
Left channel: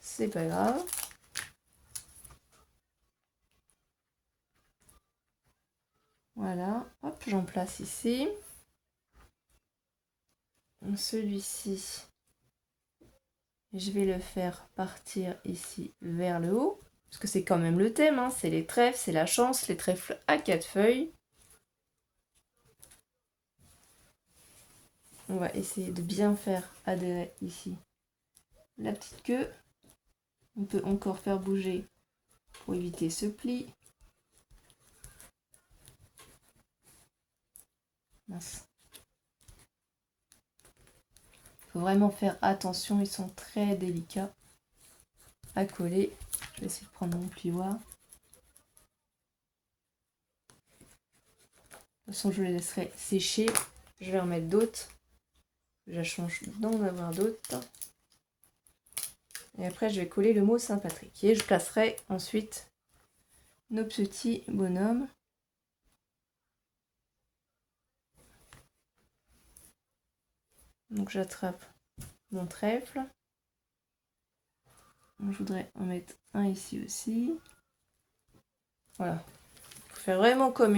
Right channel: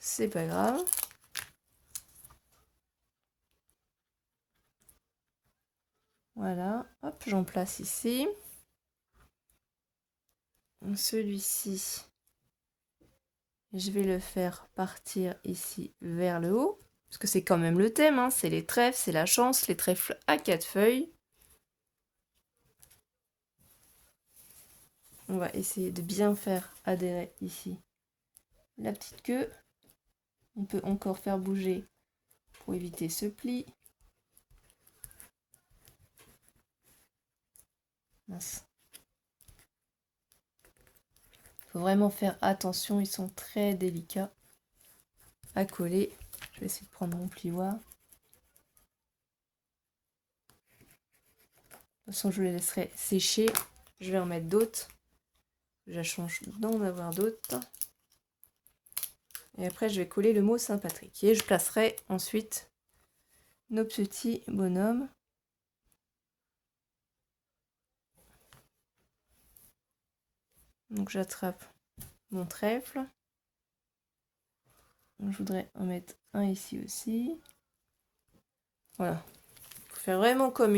C'est pas grave. Voilà. Hop, j'en place ici. Celui-ci, je vais le faire partir ici vers le haut. Parce que c'est quand même le thème. C'est les trèfles, c'est la chance. Les trèfles à 4 feuilles. On va essayer de bien faire adhérer ici la petite queue. On peut encore faire bouger pour éviter ce pli. Mince. Il faut vraiment faire attention, ils sont très délicats à coller. Je vais essayer de prendre mon plioir. De toute façon, je les laisserai sécher. Je vais en mettre d'autres. Je la change d'en avoir d'autres. Et après, je vais coller le mot Saint-Patrick. Et je placerai ensuite nos petits bonhommes. Donc j'attrape mon trèfle. Je voudrais en mettre un ici aussi. Voilà. Faire vraiment comme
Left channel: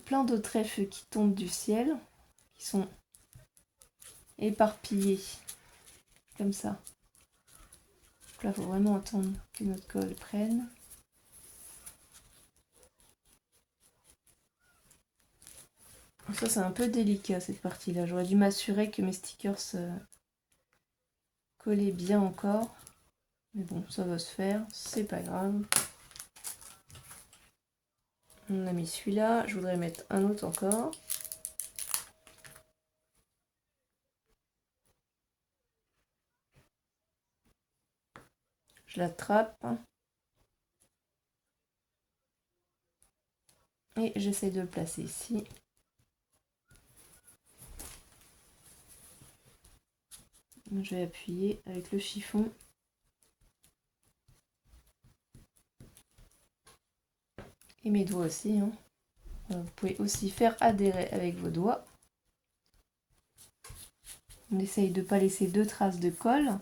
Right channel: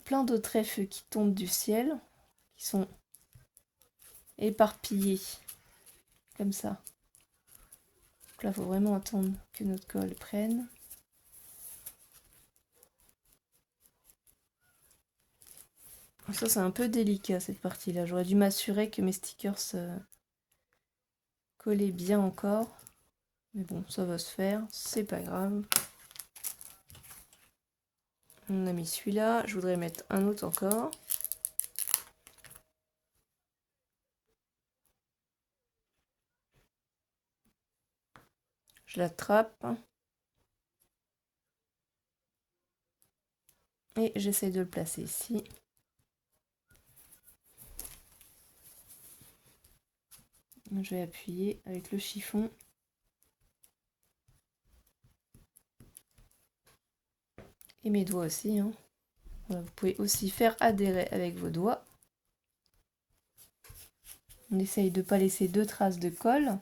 plein de trèfles qui tombent du ciel, qui sont éparpillés comme ça. Donc là, il faut vraiment attendre que notre colle prenne. Ça, c'est un peu délicat cette partie-là. J'aurais dû m'assurer que mes stickers collaient bien encore. Mais bon, ça va se faire, c'est pas grave. On a mis celui-là, je voudrais mettre un autre encore. Je l'attrape. Et j'essaie de le placer ici. Je vais appuyer avec le chiffon. Et mes doigts aussi. Voilà, vous pouvez aussi faire adhérer avec vos doigts. On essaye de ne pas laisser 2 traces de colle.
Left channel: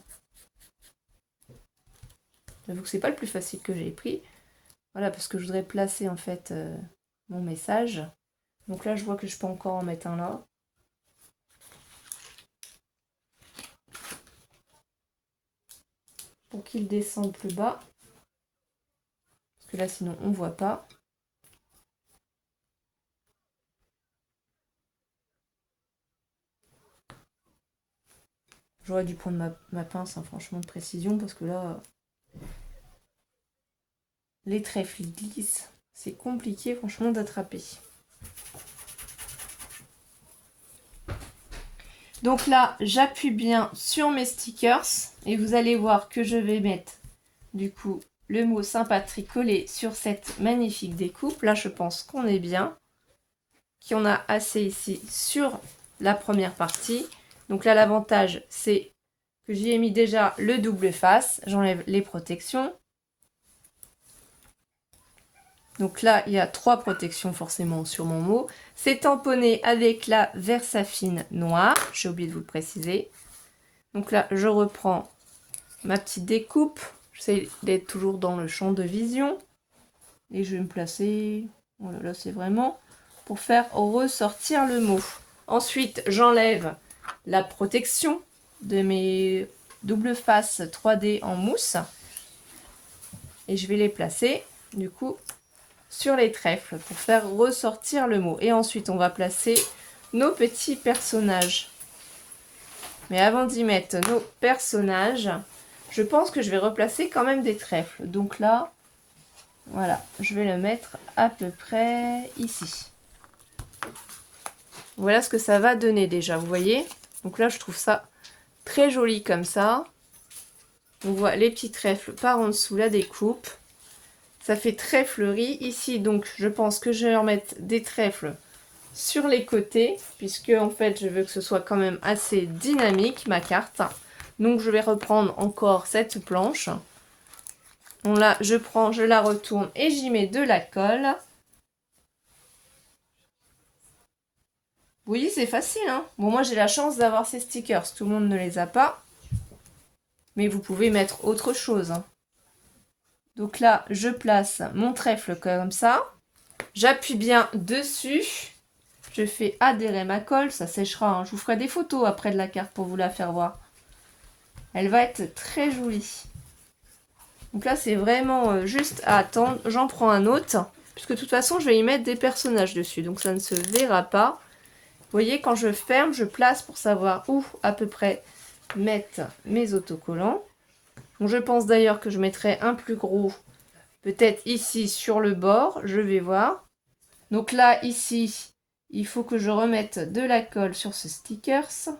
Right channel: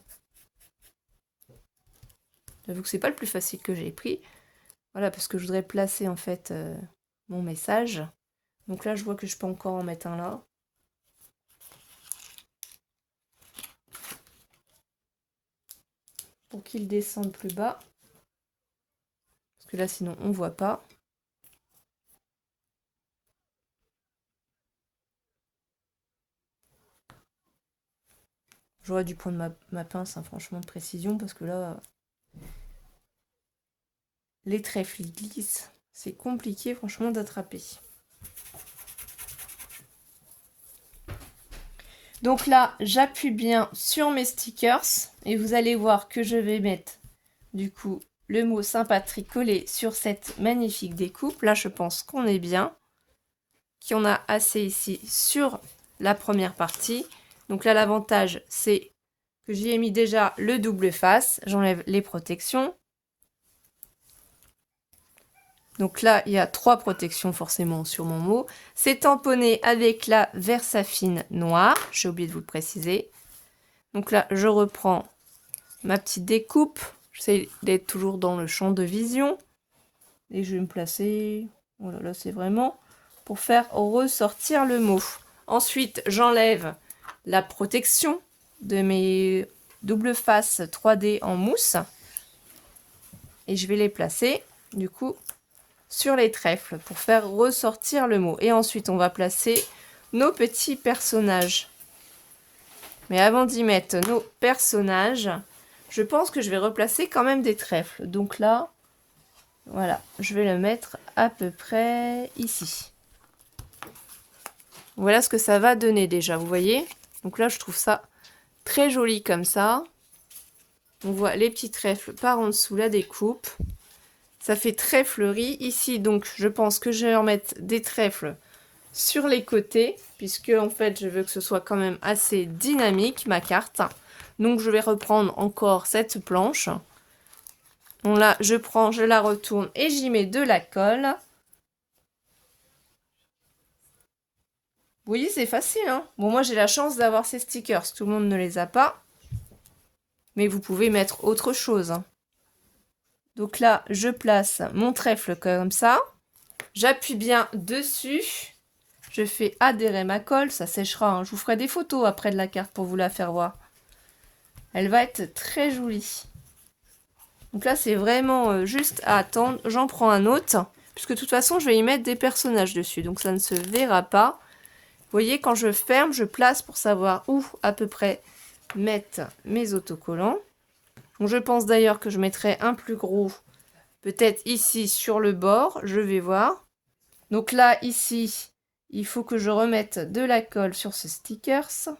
J'avoue que c'est pas le plus facile que j'ai pris. Voilà, parce que je voudrais placer en fait mon message. Donc là, je vois que je peux encore en mettre un là. Pour qu'il descende plus bas. Parce que là, sinon, on ne voit pas. J'aurais dû prendre ma pince, franchement, de précision, parce que là, les trèfles glissent. C'est compliqué, franchement, d'attraper. Donc là, j'appuie bien sur mes stickers et vous allez voir que je vais mettre du coup le mot Saint-Patrick collé sur cette magnifique découpe. Là, je pense qu'on est bien, qu'il y en a assez ici sur la première partie. Donc là, l'avantage, c'est que j'y ai mis déjà le double face. J'enlève les protections. Donc là, il y a 3 protections forcément sur mon mot. C'est tamponné avec la Versafine noire. J'ai oublié de vous le préciser. Donc là, je reprends ma petite découpe. J'essaie d'être toujours dans le champ de vision. Et je vais me placer... Voilà, là, c'est vraiment pour faire ressortir le mot. Ensuite, j'enlève la protection de mes double face 3D en mousse. Et je vais les placer, du coup, sur les trèfles pour faire ressortir le mot. Et ensuite, on va placer nos petits personnages. Mais avant d'y mettre nos personnages, je pense que je vais replacer quand même des trèfles. Donc là, voilà, je vais le mettre à peu près ici. Voilà ce que ça va donner déjà, vous voyez. Donc là, je trouve ça très joli comme ça. On voit les petits trèfles par en dessous la découpe. Ça fait très fleuri. Ici, donc, je pense que je vais en mettre des trèfles sur les côtés, puisque en fait, je veux que ce soit quand même assez dynamique, ma carte. Donc, je vais reprendre encore cette planche. Bon, là, je la retourne et j'y mets de la colle. Vous voyez, c'est facile, hein. Bon, moi, j'ai la chance d'avoir ces stickers. Tout le monde ne les a pas. Mais vous pouvez mettre autre chose, hein. Donc là, je place mon trèfle comme ça. J'appuie bien dessus. Je fais adhérer ma colle. Ça séchera, hein. Je vous ferai des photos après de la carte pour vous la faire voir. Elle va être très jolie. Donc là, c'est vraiment juste à attendre. J'en prends un autre. Puisque de toute façon, je vais y mettre des personnages dessus. Donc ça ne se verra pas. Vous voyez, quand je ferme, je place pour savoir où à peu près mettre mes autocollants. Donc je pense d'ailleurs que je mettrai un plus gros, peut-être ici sur le bord, je vais voir. Donc là, ici, il faut que je remette de la colle sur ce stickers.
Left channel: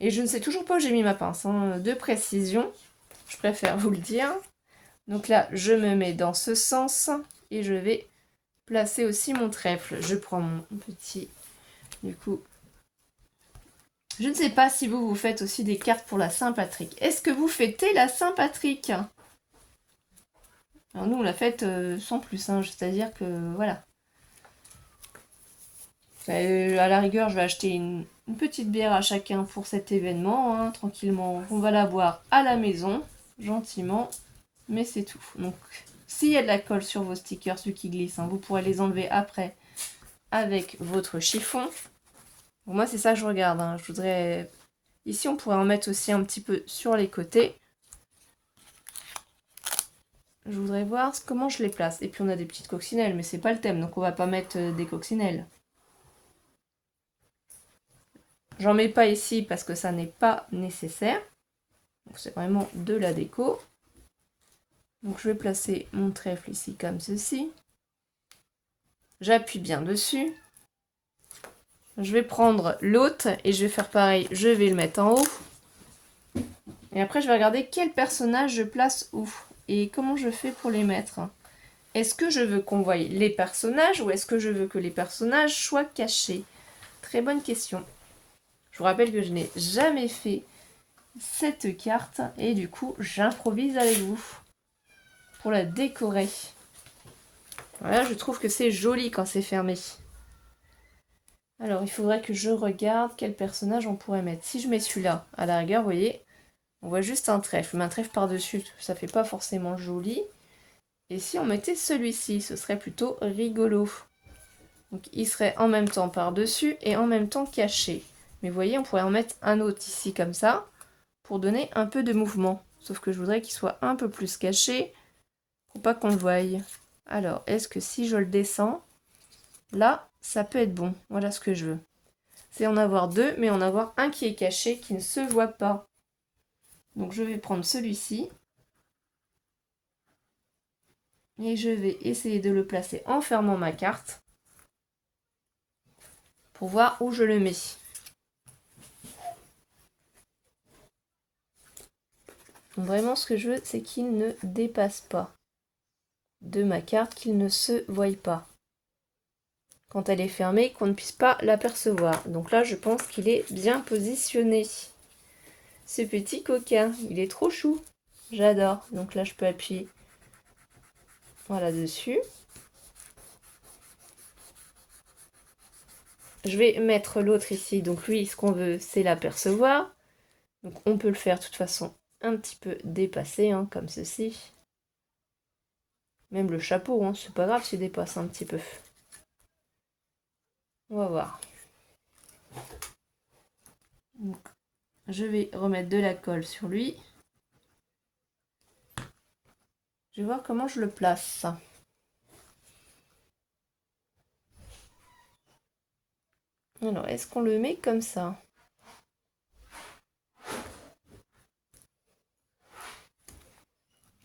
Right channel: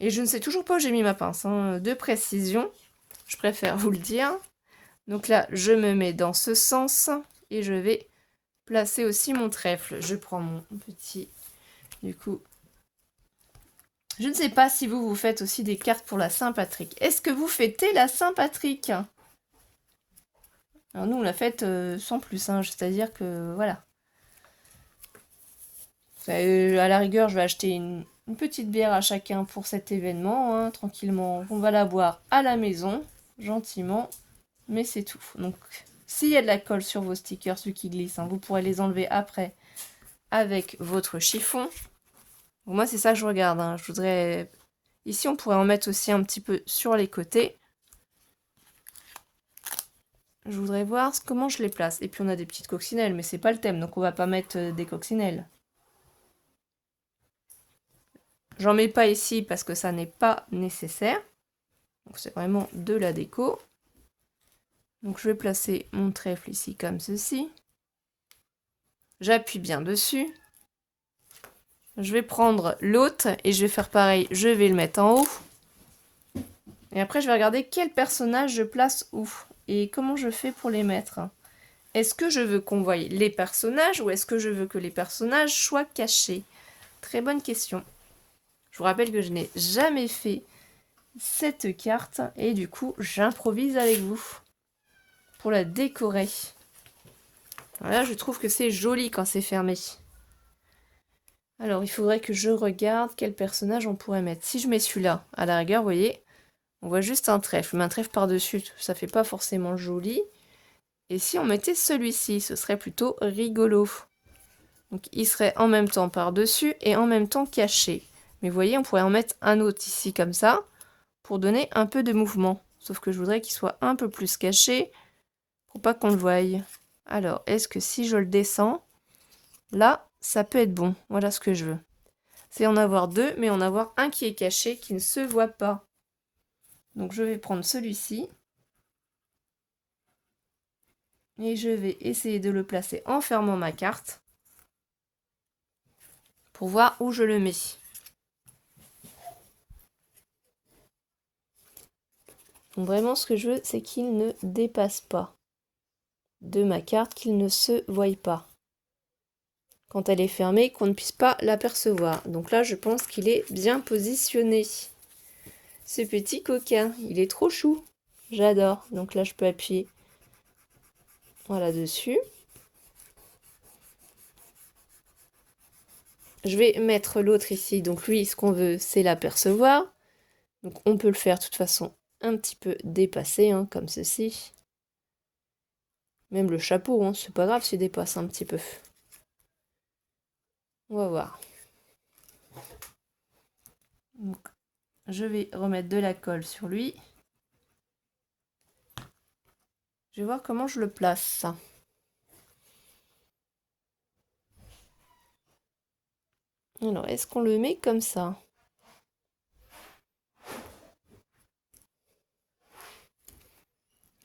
Et je ne sais toujours pas où j'ai mis ma pince, hein, de précision, je préfère vous le dire. Donc là, je me mets dans ce sens et je vais placer aussi mon trèfle. Je prends mon petit... Du coup, je ne sais pas si vous faites aussi des cartes pour la Saint-Patrick. Est-ce que vous fêtez la Saint-Patrick? Alors nous, on la fête sans plus, hein, c'est-à-dire que, voilà. À la rigueur, je vais acheter une petite bière à chacun pour cet événement, hein, tranquillement. On va la boire à la maison, gentiment, mais c'est tout. Donc, s'il y a de la colle sur vos stickers, ceux qui glissent, hein, vous pourrez les enlever après avec votre chiffon. Bon, moi, c'est ça que je regarde, hein. Je voudrais... Ici, on pourrait en mettre aussi un petit peu sur les côtés. Je voudrais voir comment je les place. Et puis, on a des petites coccinelles, mais c'est pas le thème, donc on va pas mettre des coccinelles. J'en mets pas ici parce que ça n'est pas nécessaire. Donc, c'est vraiment de la déco. Donc, je vais placer mon trèfle ici comme ceci. J'appuie bien dessus. Je vais prendre l'autre et je vais faire pareil. Je vais le mettre en haut. Et après, je vais regarder quel personnage je place où. Et comment je fais pour les mettre. Est-ce que je veux qu'on voie les personnages ou est-ce que je veux que les personnages soient cachés? Très bonne question. Je vous rappelle que je n'ai jamais fait cette carte et du coup, j'improvise avec vous pour la décorer. Voilà, je trouve que c'est joli quand c'est fermé. Alors, il faudrait que je regarde quel personnage on pourrait mettre. Si je mets celui-là, à la rigueur, vous voyez, on voit juste un trèfle. Mais un trèfle par-dessus, ça fait pas forcément joli. Et si on mettait celui-ci, ce serait plutôt rigolo. Donc, il serait en même temps par-dessus et en même temps caché. Mais vous voyez, on pourrait en mettre un autre ici, comme ça, pour donner un peu de mouvement. Sauf que je voudrais qu'il soit un peu plus caché, pour pas qu'on le voie. Alors, est-ce que si je le descends, là, ça peut être bon. Voilà ce que je veux. C'est en avoir deux, mais en avoir un qui est caché, qui ne se voit pas. Donc, je vais prendre celui-ci. Et je vais essayer de le placer en fermant ma carte. Pour voir où je le mets. Donc, vraiment, ce que je veux, c'est qu'il ne dépasse pas de ma carte, qu'il ne se voie pas. quand elle est fermée, qu'on ne puisse pas l'apercevoir. Donc là, je pense qu'il est bien positionné. Ce petit coquin, il est trop chou. J'adore. Donc là, je peux appuyer voilà dessus. Je vais mettre l'autre ici. Donc lui, ce qu'on veut, c'est l'apercevoir. Donc on peut le faire de toute façon un petit peu dépassé, hein, comme ceci. Même le chapeau, hein, c'est pas grave s'il dépasse un petit peu. On va voir. Donc, je vais remettre de la colle sur lui. Je vais voir comment je le place. Alors, est-ce qu'on le met comme ça?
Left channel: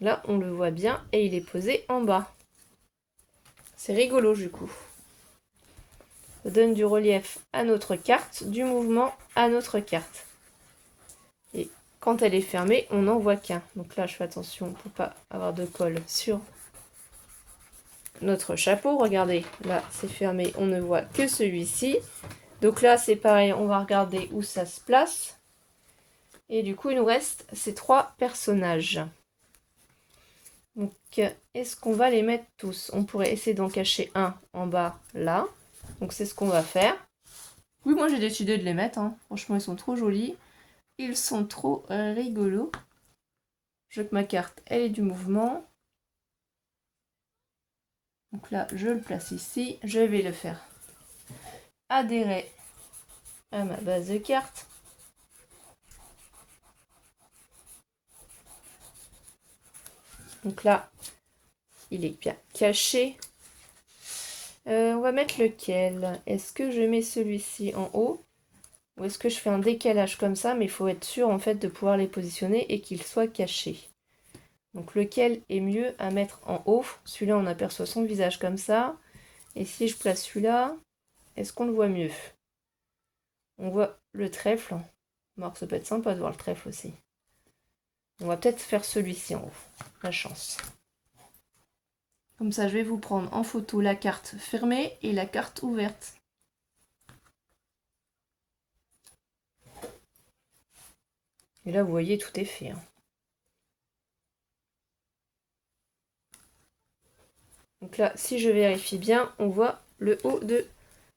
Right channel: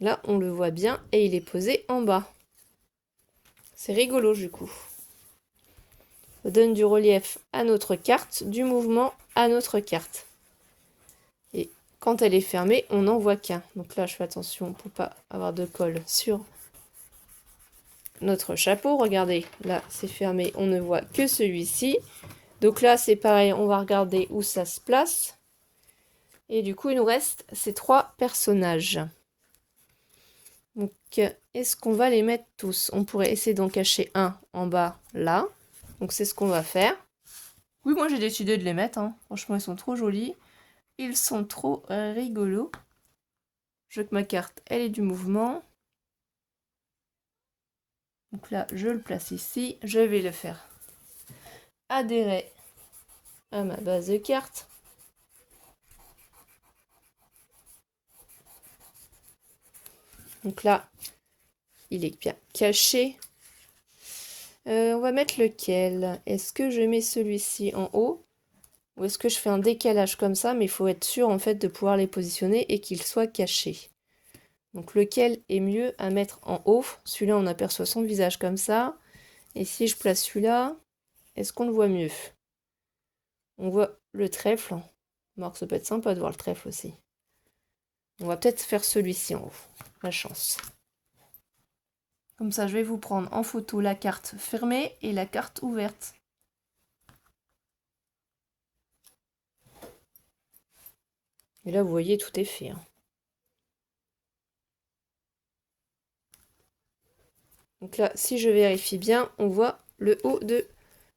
Là, on le voit bien et il est posé en bas. C'est rigolo du coup. Ça donne du relief à notre carte, du mouvement à notre carte. Et quand elle est fermée, on n'en voit qu'un. Donc là, je fais attention pour pas avoir de colle sur notre chapeau. Regardez, là, c'est fermé, on ne voit que celui-ci. Donc là, c'est pareil, on va regarder où ça se place. Et du coup, il nous reste ces 3 personnages. Donc, est-ce qu'on va les mettre tous? On pourrait essayer d'en cacher un en bas, là. Donc, c'est ce qu'on va faire. Oui, moi, j'ai décidé de les mettre, hein. Franchement, ils sont trop jolis. Ils sont trop rigolos. Je veux que ma carte, elle ait du mouvement. Donc là, je le place ici. Je vais le faire adhérer à ma base de cartes. Donc là, il est bien caché. On va mettre lequel? Est-ce que je mets celui-ci en haut? Ou est-ce que je fais un décalage comme ça? Mais il faut être sûr en fait de pouvoir les positionner et qu'ils soient cachés. Donc lequel est mieux à mettre en haut? Celui-là, on aperçoit son visage comme ça. Et si je place celui-là, est-ce qu'on le voit mieux? On voit le trèfle. Alors ça peut être sympa de voir le trèfle aussi. On va peut-être faire celui-ci en haut. La chance. Comme ça, je vais vous prendre en photo la carte fermée et la carte ouverte. Et là, vous voyez, tout est fait, hein. Donc là, si je vérifie bien, on voit le haut de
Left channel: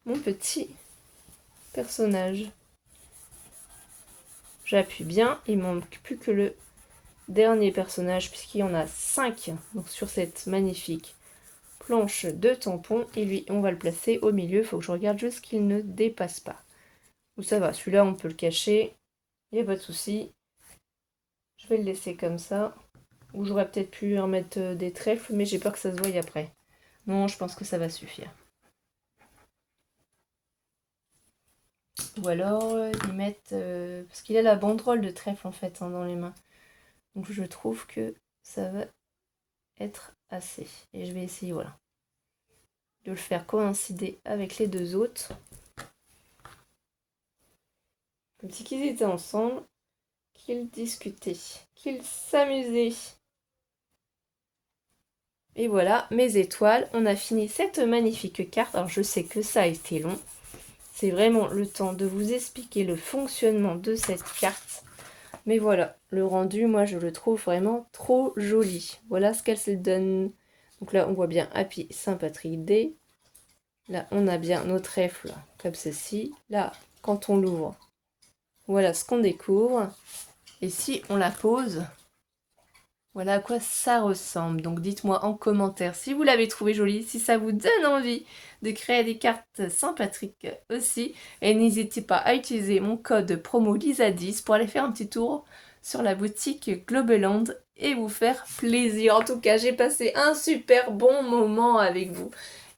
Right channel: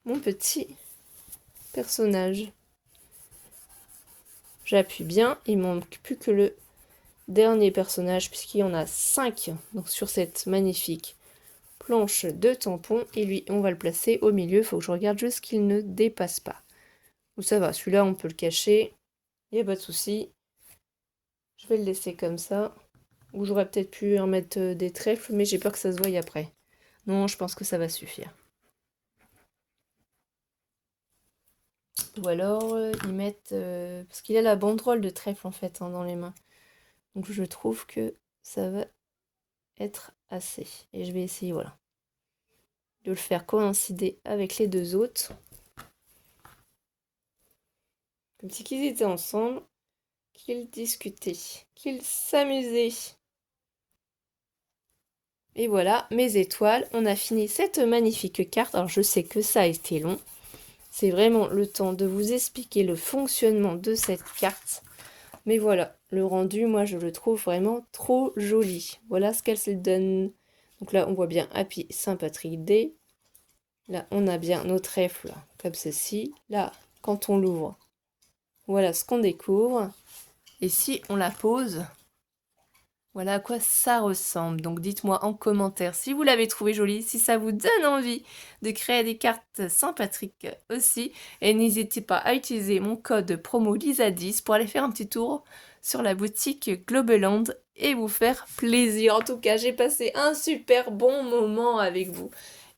mon petit personnage. J'appuie bien, il ne manque plus que le dernier personnage puisqu'il y en a 5 donc sur cette magnifique planche de tampons. Et lui, on va le placer au milieu. Il faut que je regarde juste qu'il ne dépasse pas. Donc ça va, celui-là, on peut le cacher. Il n'y a pas de souci. Je vais le laisser comme ça. Ou j'aurais peut-être pu en mettre des trèfles, mais j'ai peur que ça se voie après. Non, je pense que ça va suffire. Ou alors, ils mettent... parce qu'il a la banderole de trèfle, en fait, hein, dans les mains. Donc, je trouve que ça va être assez. Et je vais essayer, voilà, de le faire coïncider avec les 2 autres. Comme si qu'ils étaient ensemble, qu'ils discutaient, qu'ils s'amusaient. Et voilà, mes étoiles. On a fini cette magnifique carte. Alors, je sais que ça a été long. C'est vraiment le temps de vous expliquer le fonctionnement de cette carte. Mais voilà, le rendu, moi, je le trouve vraiment trop joli. Voilà ce qu'elle se donne. Donc là, on voit bien Happy Saint-Patrick Day. Là, on a bien nos trèfles, comme ceci. Là, quand on l'ouvre, voilà ce qu'on découvre. Et si on la pose, voilà à quoi ça ressemble. Donc dites-moi en commentaire si vous l'avez trouvé jolie, si ça vous donne envie de créer des cartes Saint-Patrick aussi. Et n'hésitez pas à utiliser mon code promo LISA10 pour aller faire un petit tour sur la boutique Globeland et vous faire plaisir. En tout cas, j'ai passé un super bon moment avec vous.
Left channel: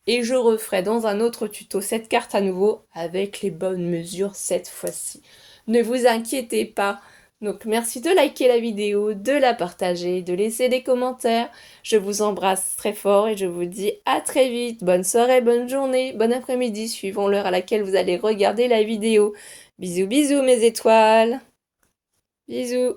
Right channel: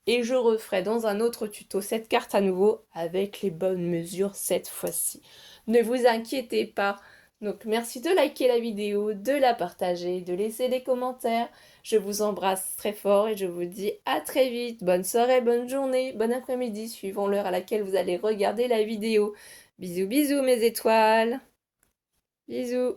Et je referai dans un autre tuto cette carte à nouveau avec les bonnes mesures cette fois-ci. Ne vous inquiétez pas. Donc merci de liker la vidéo, de la partager, de laisser des commentaires. Je vous embrasse très fort et je vous dis à très vite. Bonne soirée, bonne journée, bon après-midi suivant l'heure à laquelle vous allez regarder la vidéo. Bisous bisous mes étoiles. Bisous.